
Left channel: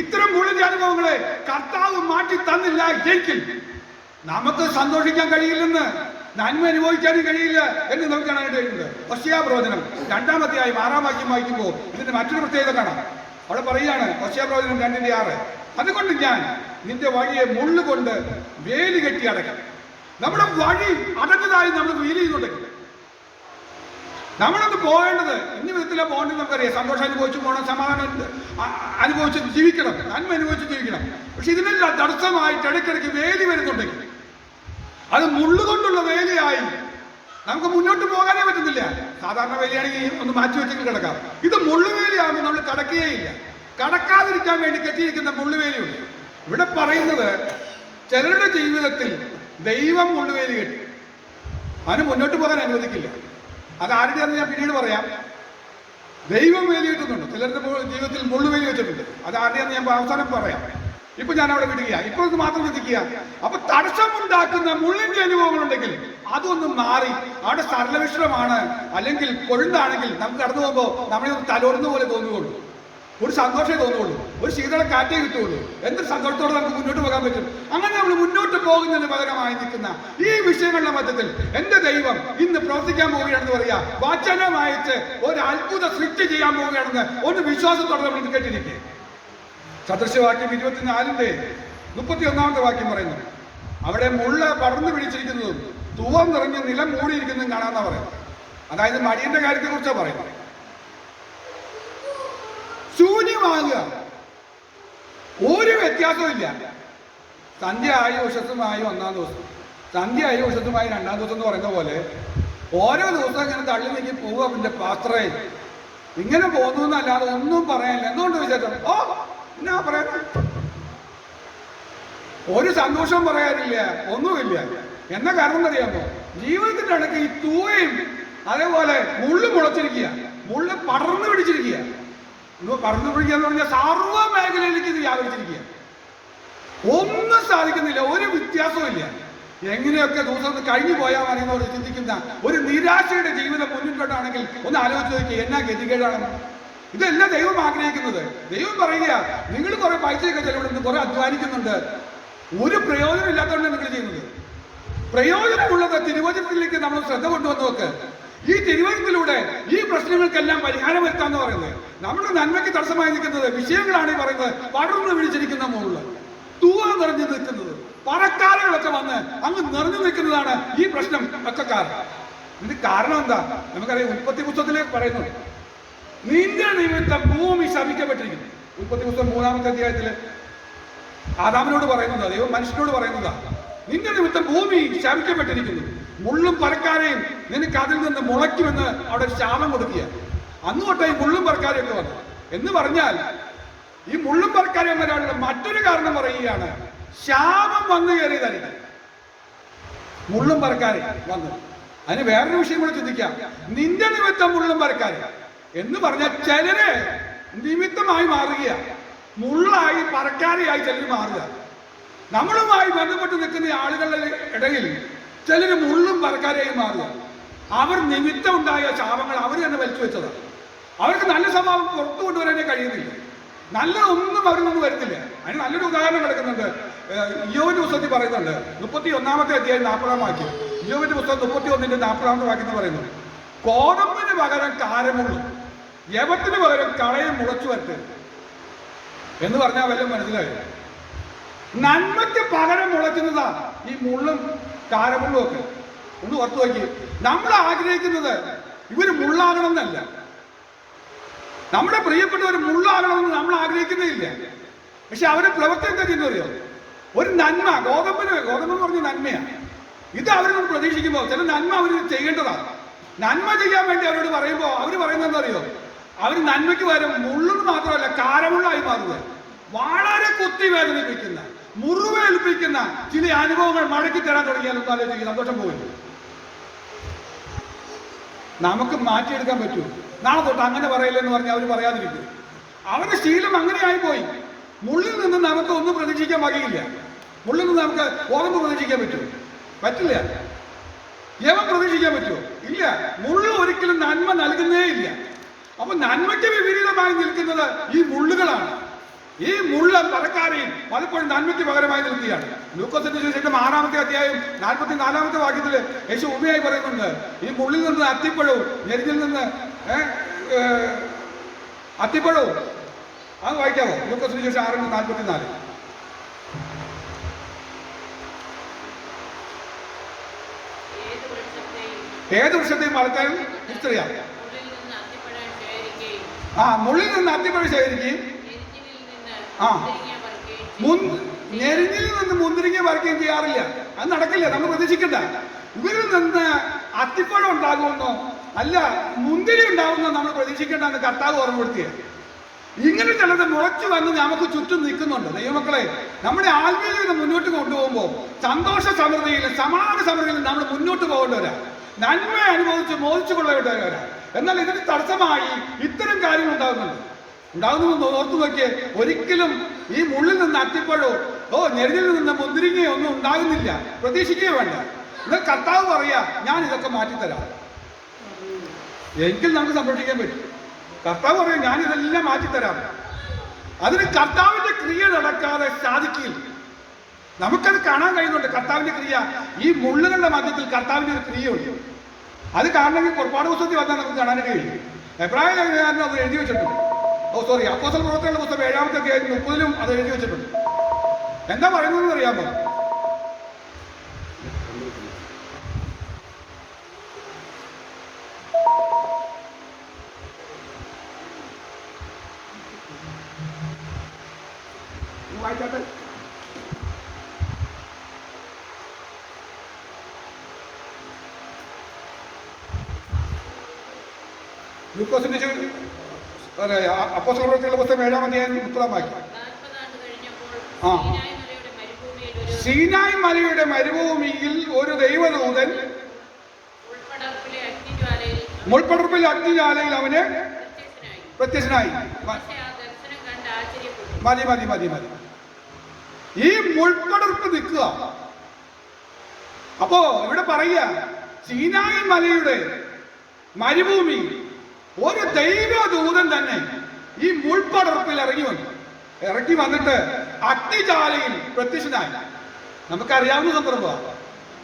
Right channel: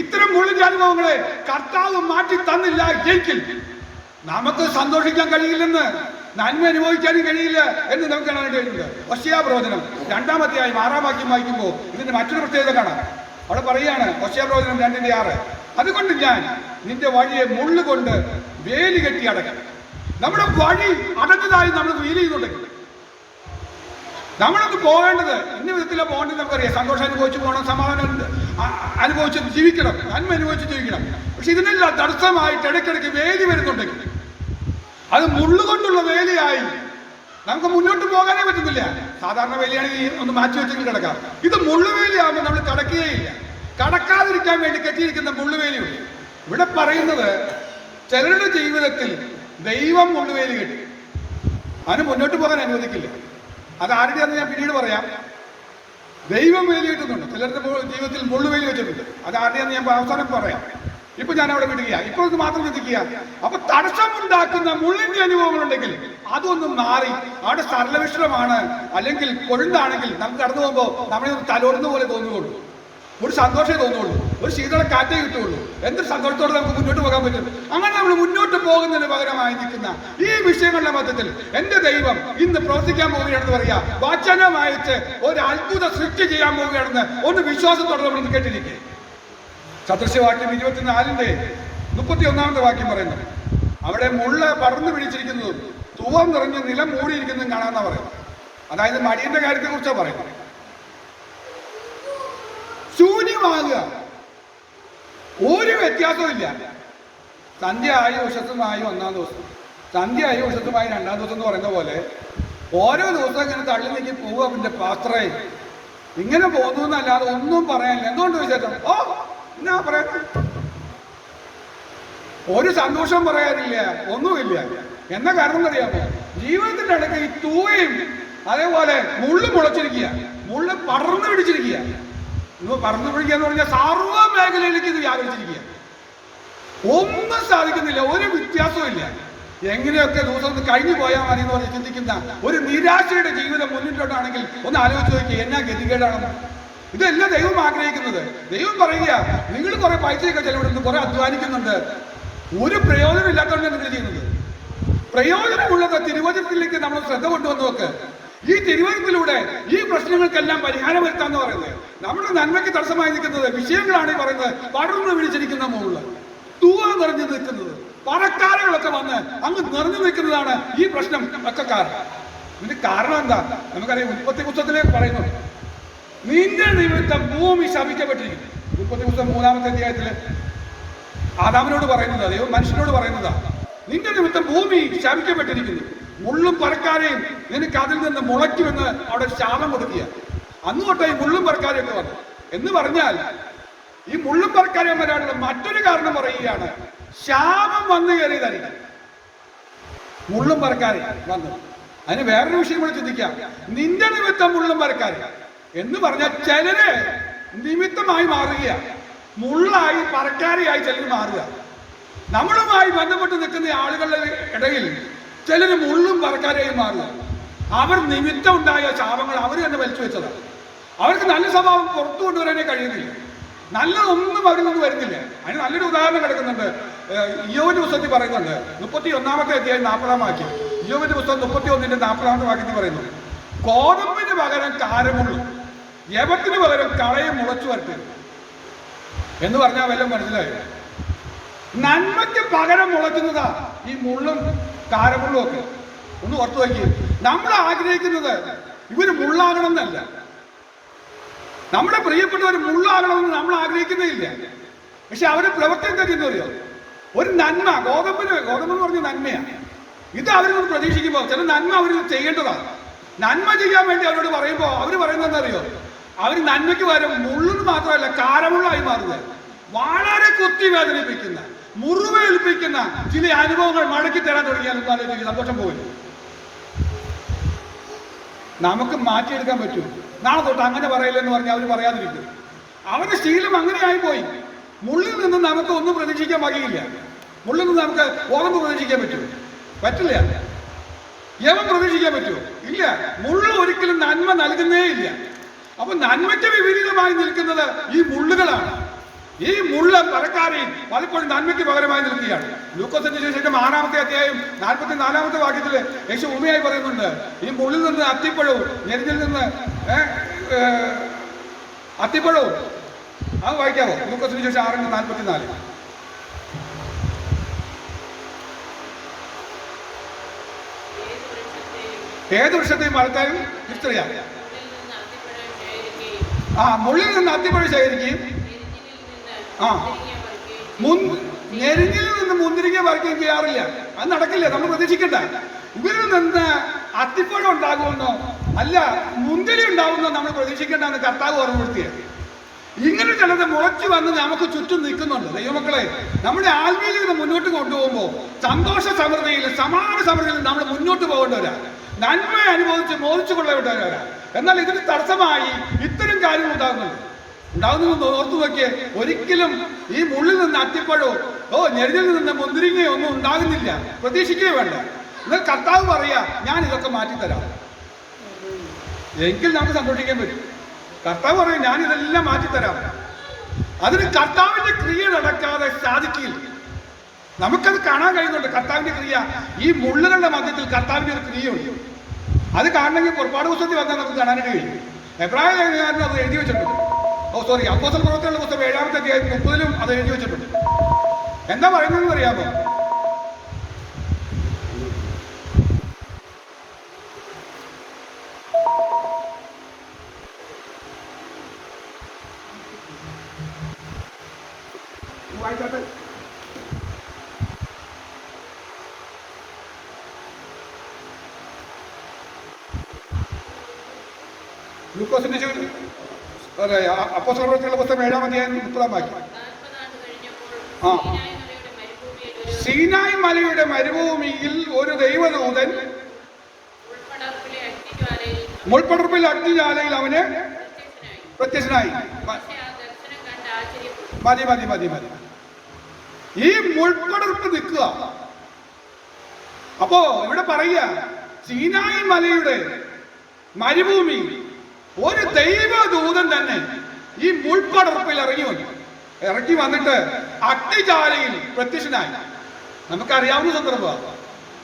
ഇത്തരം മുള്ളിന്റെ അനുഭവങ്ങളെ കർത്താവ് മാറ്റി തന്നില്ല എങ്കിൽ നമുക്ക് സന്തോഷിക്കാൻ കഴിയില്ലെന്ന്, നന്മ അനുഭവിക്കാനും കഴിയില്ല എന്ന് നമുക്ക് കാണാനായിട്ടുണ്ട്. ഹോശേയ പ്രവചനം 2-ാം അധ്യായം 6-ാം വാക്യം വായിക്കുമ്പോൾ ഇതിന്റെ മറ്റൊരു പ്രത്യേകത കാണാം. അവിടെ പറയുകയാണ്, ഹോശേയ പ്രവചനം 2:6, അതുകൊണ്ട് ഞാൻ നിന്റെ വഴിയെ മുള്ളുകൊണ്ട് വേലി കെട്ടി അടയ്ക്കും. നമ്മുടെ വഴി അടഞ്ഞതായി നമ്മൾ ഫീൽ ചെയ്യുന്നുണ്ടെങ്കിൽ നമ്മളൊന്ന് പോകേണ്ടത് ഇന്ന വിധത്തിലാണ് പോകേണ്ടത്. നമുക്കറിയാം, സന്തോഷം അനുഭവിച്ച് പോകണം, സമാധാനം അനുഭവിച്ച് ജീവിക്കണം, നന്മ അനുഭവിച്ച് ജീവിക്കണം. പക്ഷെ ഇതിനെല്ലാം തടസ്സമായിട്ട് ഇടയ്ക്കിടയ്ക്ക് വേലി വരുന്നുണ്ടെങ്കിൽ അത് മുള്ളുകൊണ്ടുള്ള വേലിയായി നമുക്ക് മുന്നോട്ട് പോകാനേ പറ്റുന്നില്ല. സാധാരണ വേലിയാണെങ്കിൽ ഒന്ന് മാറ്റി വെച്ചെങ്കിൽ കിടക്കാം. ഇത് മുള്ളുവേലിയാകുമ്പോൾ നമ്മൾ കടക്കുകയില്ല. കടക്കാതിരിക്കാൻ വേണ്ടി കെട്ടിയിരിക്കുന്ന മുള്ളുവേലിയുണ്ട്. ഇവിടെ പറയുന്നത് ചിലരുടെ ജീവിതത്തിൽ ദൈവം മുള്ളുവേലി കെട്ടി അതിന് മുന്നോട്ട് പോകാൻ അനുവദിക്കില്ല. അത് ആരുടെയാണെന്ന് ഞാൻ പിന്നീട് പറയാം. ദൈവം വേലി കെട്ടുന്നുണ്ട്, ചിലരുടെ ജീവിതത്തിൽ മുള്ളുവേലി വെച്ചിട്ടുണ്ട്. അത് ആരുടെയാണെന്ന് ഞാൻ അവസാനം പറയാം. ഇപ്പൊ ഞാൻ അവിടെ വിടുക. ഇപ്പോൾ ഇത് മാത്രം ചിന്തിക്കുക. അപ്പൊ തടസ്സമുണ്ടാക്കുന്ന മുള്ളിന്റെ അനുഭവങ്ങളുണ്ടെങ്കിൽ അതൊന്നും മാറി അവിടെ സരളവിശ്രമാണ് അല്ലെങ്കിൽ കൊഴുന്താണെങ്കിൽ നമുക്ക് കടന്നു പോകുമ്പോൾ നമ്മളെ തലോടുന്ന പോലെ തോന്നുകയുള്ളൂ, ഒരു സന്തോഷമേ തോന്നുള്ളൂ, ഒരു ശീതള കാറ്റേ കിട്ടുള്ളൂ. എന്തൊരു സന്തോഷത്തോടെ നമുക്ക് മുന്നോട്ട് പോകാൻ പറ്റും. അങ്ങനെ നമ്മൾ മുന്നോട്ട് പോകുന്നതിന് പകരമായി നിൽക്കുന്ന ഈ വിഷയങ്ങളുടെ മധ്യത്തിൽ എന്റെ ദൈവം ഇന്ന് പ്രവർത്തിക്കാൻ പോവുകയാണെന്ന് പറയാ. വചനം അയച്ച് ഒരു അത്ഭുത സൃഷ്ടി ചെയ്യാൻ പോവുകയാണെന്ന് ഒന്ന് വിശ്വാസത്തോടെ നമ്മൾ കേട്ടിരിക്കുക. സദൃശവാക്യം 24:31 വാക്യം പറയുന്നു, അവിടെ മുള്ള പറന്നു പിടിച്ചിരിക്കുന്നതും തൂവം നിറഞ്ഞ് നിലം മൂടിയിരിക്കുന്നതും കാണാമെന്നാ പറയുന്നത്. അതായത് മടിയന്റെ കാര്യത്തെ കുറിച്ചാണ് പറയുന്നത്. ശൂന്യമാകുക, ഒരു വ്യത്യാസവും ഇല്ല. സന്ധ്യ ആയി ഉഷത്തുമായി 1-ാം ദിവസം, സന്ധ്യ ആയി ഉഷത്തുമായി 2-ാം ദിവസം എന്ന് പറയുന്ന പോലെ ഓരോ ദിവസം ഇങ്ങനെ തള്ളി നീക്കി പോവുക. പിന്നെ പാത്രേ ഇങ്ങനെ പോകുന്നു എന്നല്ലാതെ ഒന്നും പറയാനില്ല. എന്തുകൊണ്ട് വിചാരിച്ചു? ഓ എന്നാ പറയാ, ഒരു സന്തോഷം പറയാനില്ല, ഒന്നുമില്ല. എന്ന കാരണം അറിയാമോ? ജീവിതത്തിന്റെ ഇടയ്ക്ക് ഈ തൂവയും അതേപോലെ മുള്ളു മുളച്ചിരിക്കുക, മുള്ളു പടർന്നു പിടിച്ചിരിക്കുക. പടർന്നു പിടിക്കുക എന്ന് പറഞ്ഞാൽ സർവ്വ മേഖലയിലേക്ക് ഇത് വ്യാപരിച്ചിരിക്കുക. ഒന്നും സാധിക്കുന്നില്ല, ഒരു വ്യത്യാസവും ഇല്ല. എങ്ങനെയൊക്കെ ദിവസം കഴിഞ്ഞു പോയാൽ മതി എന്ന് പറഞ്ഞ് ചിന്തിക്കുന്ന ഒരു നിരാശയുടെ ജീവിതം മുന്നിലോട്ടാണെങ്കിൽ ഒന്ന് ആലോചിച്ച് നോക്കി, എന്നാ ഗതികേടാണെന്ന്. ഇതെല്ലാം ദൈവം ആഗ്രഹിക്കുന്നത്. ദൈവം പറയുക, നിങ്ങൾ കുറെ പൈസയൊക്കെ ചെലവിടുന്നു, കുറെ അധ്വാനിക്കുന്നുണ്ട്, ഒരു പ്രയോജനമില്ലാത്തതുകൊണ്ട് നിങ്ങൾ ചെയ്യുന്നത്. പ്രയോജനമുള്ളത് തിരുവചനത്തിലേക്ക് നമ്മൾ ശ്രദ്ധ കൊണ്ടുവന്ന് നോക്ക്. ഈ തിരുവചനത്തിലൂടെ ഈ പ്രശ്നങ്ങൾക്കെല്ലാം പരിഹാരം വരുത്താന്ന് പറയുന്നത്. നമ്മുടെ നന്മയ്ക്ക് തടസ്സമായി നിൽക്കുന്നത് വിഷയങ്ങളാണ് ഈ പറയുന്നത്. പടർന്നു പിടിച്ചിരിക്കുന്ന മുകളിൽ തൂവ നിറഞ്ഞു നിൽക്കുന്നത്, പറക്കാരകളൊക്കെ വന്ന് അങ്ങ് നിറഞ്ഞു നിൽക്കുന്നതാണ് ഈ പ്രശ്നം ഒക്കെ കാരണം. ഇതിന്റെ കാരണം എന്താ? നമുക്കറിയാം, ഉൽപ്പത്തി പുസ്തകത്തില് പറയുന്നു, നിന്റെ നിമിത്തം ഭൂമി ശപിക്കപ്പെട്ടിരിക്കുന്നു. ഉൽപ്പത്തി പുസ്തകം 3-ാമത്തെ അധ്യായത്തില് ആദാമിനോട് പറയുന്നതാ, ദൈവം മനുഷ്യനോട് പറയുന്നതാ, നിന്റെ നിമിത്തം ഭൂമി ശപിക്കപ്പെട്ടിരിക്കുന്നു, മുള്ളും പറക്കാരെയും നിനക്ക് അതിൽ നിന്ന് മുളയ്ക്കുമെന്ന് അവിടെ ശാപം കൊടുക്കുക. അന്ന് തൊട്ടേ ഈ മുള്ളും പറക്കാരെയൊക്കെ വന്നു എന്ന് പറഞ്ഞാൽ, ഈ മുള്ളും പറക്കാരെയും വരാനുള്ള മറ്റൊരു കാരണം പറയുകയാണ്, ശാപം വന്നു കയറിയതായിരിക്കും. മുള്ളും പറക്കാരെ വന്നു. അതിന് വേറൊരു വിഷയം കൂടെ ചിന്തിക്കാം. നിന്റെ നിമിത്തം മുള്ളും പറക്കാരെ എന്ന് പറഞ്ഞാൽ ചിലര് നിമിത്തമായി മാറുക, മുള്ളായി പറക്കാരെയായി ചിലർ മാറുക. നമ്മളുമായി ബന്ധപ്പെട്ട് നിൽക്കുന്ന ആളുകളുടെ ഇടയിൽ ചിലർ മുള്ളും പറക്കാരെയായി മാറുക. അവർ നിമിത്തം ഉണ്ടായ ശാപങ്ങൾ അവർ തന്നെ വലിച്ചു വെച്ചതാണ്. അവർക്ക് നല്ല സ്വഭാവം പുറത്തു കൊണ്ടുവരാനേ കഴിയുന്നില്ല, നല്ലതൊന്നും അവരിൽ നിന്ന് വരുന്നില്ല. അതിന് നല്ലൊരു ഉദാഹരണം കിടക്കുന്നുണ്ട്. ഇയ്യോബിന്റെ പുസ്തകത്തിൽ പറയുന്നുണ്ട്, 31-ാമത്തെ അധ്യായം 40-ാം വാക്യം. ഇയ്യോബിന്റെ പുസ്തകം 31-ന്റെ 40-ാമത്തെ വാക്യത്തിൽ പറയുന്നു, കോതമ്പിന് പകരം കാരമുള്ളും യവത്തിന് പകരം കളയും മുളച്ചു വരട്ടെ എന്ന് പറഞ്ഞാൽ വല്ലതും മനസ്സിലായി? നന്മയ്ക്ക് പകരം മുളയ്ക്കുന്നതാ ഈ മുള്ളും കാരമുള്ളും ഒക്കെ. ഒന്ന് ഓർത്തു നോക്കി. നമ്മൾ ആഗ്രഹിക്കുന്നത് ഇവര് മുള്ളാകണം എന്നല്ല, നമ്മുടെ പ്രിയപ്പെട്ടവർ മുള്ളാകണമെന്ന് നമ്മൾ ആഗ്രഹിക്കുന്നില്ല. പക്ഷെ അവര് പ്രവൃത്തി എന്താ ചെയ്യുന്നറിയോ? ഒരു നന്മ, ഗോതമ്പെന്ന് പറഞ്ഞ നന്മയാണ്. ഇത് അവരിൽ നിന്ന് പ്രതീക്ഷിക്കുമ്പോൾ ചില നന്മ അവർ ചെയ്യേണ്ടതാണ്. നന്മ ചെയ്യാൻ വേണ്ടി അവരോട് പറയുമ്പോൾ അവർ പറയുന്നത് എന്താ അറിയോ? അവർ നന്മയ്ക്ക് പകരം മുള്ളെന്ന് മാത്രമല്ല കാരമുള്ളായി മാറുക. വളരെ കുത്തി വേദനിപ്പിക്കുന്ന, മുറിവേൽപ്പിക്കുന്ന ചില അനുഭവങ്ങൾ മടക്കി തരാൻ തുടങ്ങിയാൽ ആലോചിക്കുക, സന്തോഷം പോയി. നമുക്ക് മാറ്റിയെടുക്കാൻ പറ്റൂ. നാളെ തൊട്ട് അങ്ങനെ പറയില്ലെന്ന് പറഞ്ഞാൽ അവർ പറയാതിരിക്കും. അവരുടെ ശീലം അങ്ങനെയായി പോയി. മുള്ളിൽ നിന്നും നമുക്ക് ഒന്നും പ്രതീക്ഷിക്കാൻ വകയില്ല. മുള്ളിൽ നിന്ന് നമുക്ക് ഓർമ്മ പ്രതീക്ഷിക്കാൻ പറ്റൂ? പറ്റില്ല. യവൻ പ്രതീക്ഷിക്കാൻ പറ്റുമോ? ഇല്ല. മുള്ള് ഒരിക്കലും നന്മ നൽകുന്നേ ഇല്ല. അപ്പൊ നന്മയ്ക്ക് വിപരീതമായി നിൽക്കുന്നത് ഈ മുള്ളുകളാണ്. ഈ മുള്ള പറക്കാരെയും പലപ്പോഴും നന്മയ്ക്ക് പകരമായി നിൽക്കുകയാണ്. ലൂക്കോസിന്റെ സുവിശേഷം 6-ാമത്തെ അധ്യായം 44-ാമത്തെ വാക്യത്തില് യേശു ഉമ്മയായി പറയുന്നുണ്ട്, ഈ മുള്ളിൽ നിന്ന് അത്തിപ്പഴവും ഞെരിഞ്ഞിൽ നിന്ന് അത്തിപ്പഴവും. അത് വായിക്കാവോ? ലൂക്കോസിന്റെ സുവിശേഷം 6:44. ഏത് വൃക്ഷത്തെയും വളർത്താനും തിരിച്ചറിയാം. മുള്ളിൽ നിന്ന് അത്തിപ്പഴം ശേഖരിക്കുകയും ഞെരിഞ്ഞിൽ നിന്ന് മുന്തിരിങ്ങ പറിക്കുകയും ചെയ്യാറില്ല. അത് നടക്കില്ല, നമ്മൾ പ്രതീക്ഷിക്കണ്ട. ഇവരിൽ നിന്ന് അത്തിപ്പഴം ഉണ്ടാകുമെന്നോ അല്ല മുന്തിരി ഉണ്ടാവുമെന്നോ നമ്മൾ പ്രതീക്ഷിക്കേണ്ടെന്ന് കർത്താവ് ഓർമ്മപ്പെടുത്തിയത്. ഇങ്ങനെ ചിലത് മുളച്ചു വന്ന് നമുക്ക് ചുറ്റും നിൽക്കുന്നുണ്ട്. ദൈവമക്കളെ, നമ്മുടെ ആത്മീയത മുന്നോട്ട് കൊണ്ടുപോകുമ്പോൾ സന്തോഷ സമൃദ്ധിയിലും സമാന സമൃദ്ധിയിലും നമ്മൾ മുന്നോട്ട് പോകേണ്ടവരാ, നന്മ അനുഭവിച്ച് മോദിച്ചു കൊള്ളേണ്ടവരാ. എന്നാൽ ഇതിന് തടസ്സമായി ഇത്തരം കാര്യങ്ങൾ ഉണ്ടാകുന്നു ഓർത്തു നോക്കിയേ. ഒരിക്കലും ഈ മുള്ളിൽ നിന്ന് അത്തിപ്പഴോ ഞെരിൽ നിന്ന് മുന്തിരിങ്ങയോ ഒന്നും ഉണ്ടാകുന്നില്ല, പ്രതീക്ഷിക്കുകയോ വേണ്ട. എന്നാൽ കർത്താവ് പറയാ, ഞാൻ ഇതൊക്കെ മാറ്റിത്തരാം. എങ്കിൽ നമുക്ക് സന്തോഷിക്കാൻ പറ്റും. കർത്താവ് പറയും, ഞാൻ ഇതെല്ലാം മാറ്റിത്തരാം. അതിന് കർത്താവിന്റെ ക്രിയ നടക്കാതെ സാധിക്കില്ല. നമുക്കത് കാണാൻ കഴിയുന്നുണ്ട്, കർത്താവിന്റെ ക്രിയ. ഈ മുള്ളുകളുടെ മധ്യത്തിൽ കർത്താവിന്റെ ഒരു ക്രിയയുണ്ട്. അത് കാണണമെങ്കിൽ പുറപ്പാട് പുസ്തകത്തിൽ വന്നാൽ നമുക്ക് കാണാനായിട്ട് കഴിയും. എബ്രായ ലേഖനകാരൻ അത് എഴുതി വെച്ചിട്ടുണ്ട്. അപ്പോസ്തല പ്രവർത്തനങ്ങളുടെ പുസ്തകം 7-ാമത്തെ അധ്യായം 30-ലും അത് എഴുതി വെച്ചിട്ടുണ്ട്. എന്താ പറയുന്നതെന്ന് അറിയാമോ? വായിക്കാട്ടെ. ലൂക്കോസിന്റെ അപ്പോസ്തല പ്രവർത്തനങ്ങളുടെ പുസ്തകം 7-ാം അധ്യായം 30-ാം വാക്യം. സീനായ് മലയുടെ മരുഭൂമിയിൽ ഒരു ദൈവദൂതൻ മുൾപ്പടർപ്പിലെ അഗ്നിജ്വാലയിൽ അവന് പ്രത്യക്ഷനായി. മതി മതി മതി മതി. ഈ മുൾപ്പടർപ്പ് നിൽക്കുക. അപ്പോ ഇവിടെ പറയുക, സീനായ് മലയുടെ മരുഭൂമി ഒരു ദൈവദൂതൻ തന്നെ ഈ മുൾപ്പടർപ്പിൽ ഇറങ്ങി വന്നിട്ട് അഗ്നിജ്വാലയിൽ പ്രത്യക്ഷനായി. നമുക്കറിയാവുന്ന സന്ദർഭമാണ്.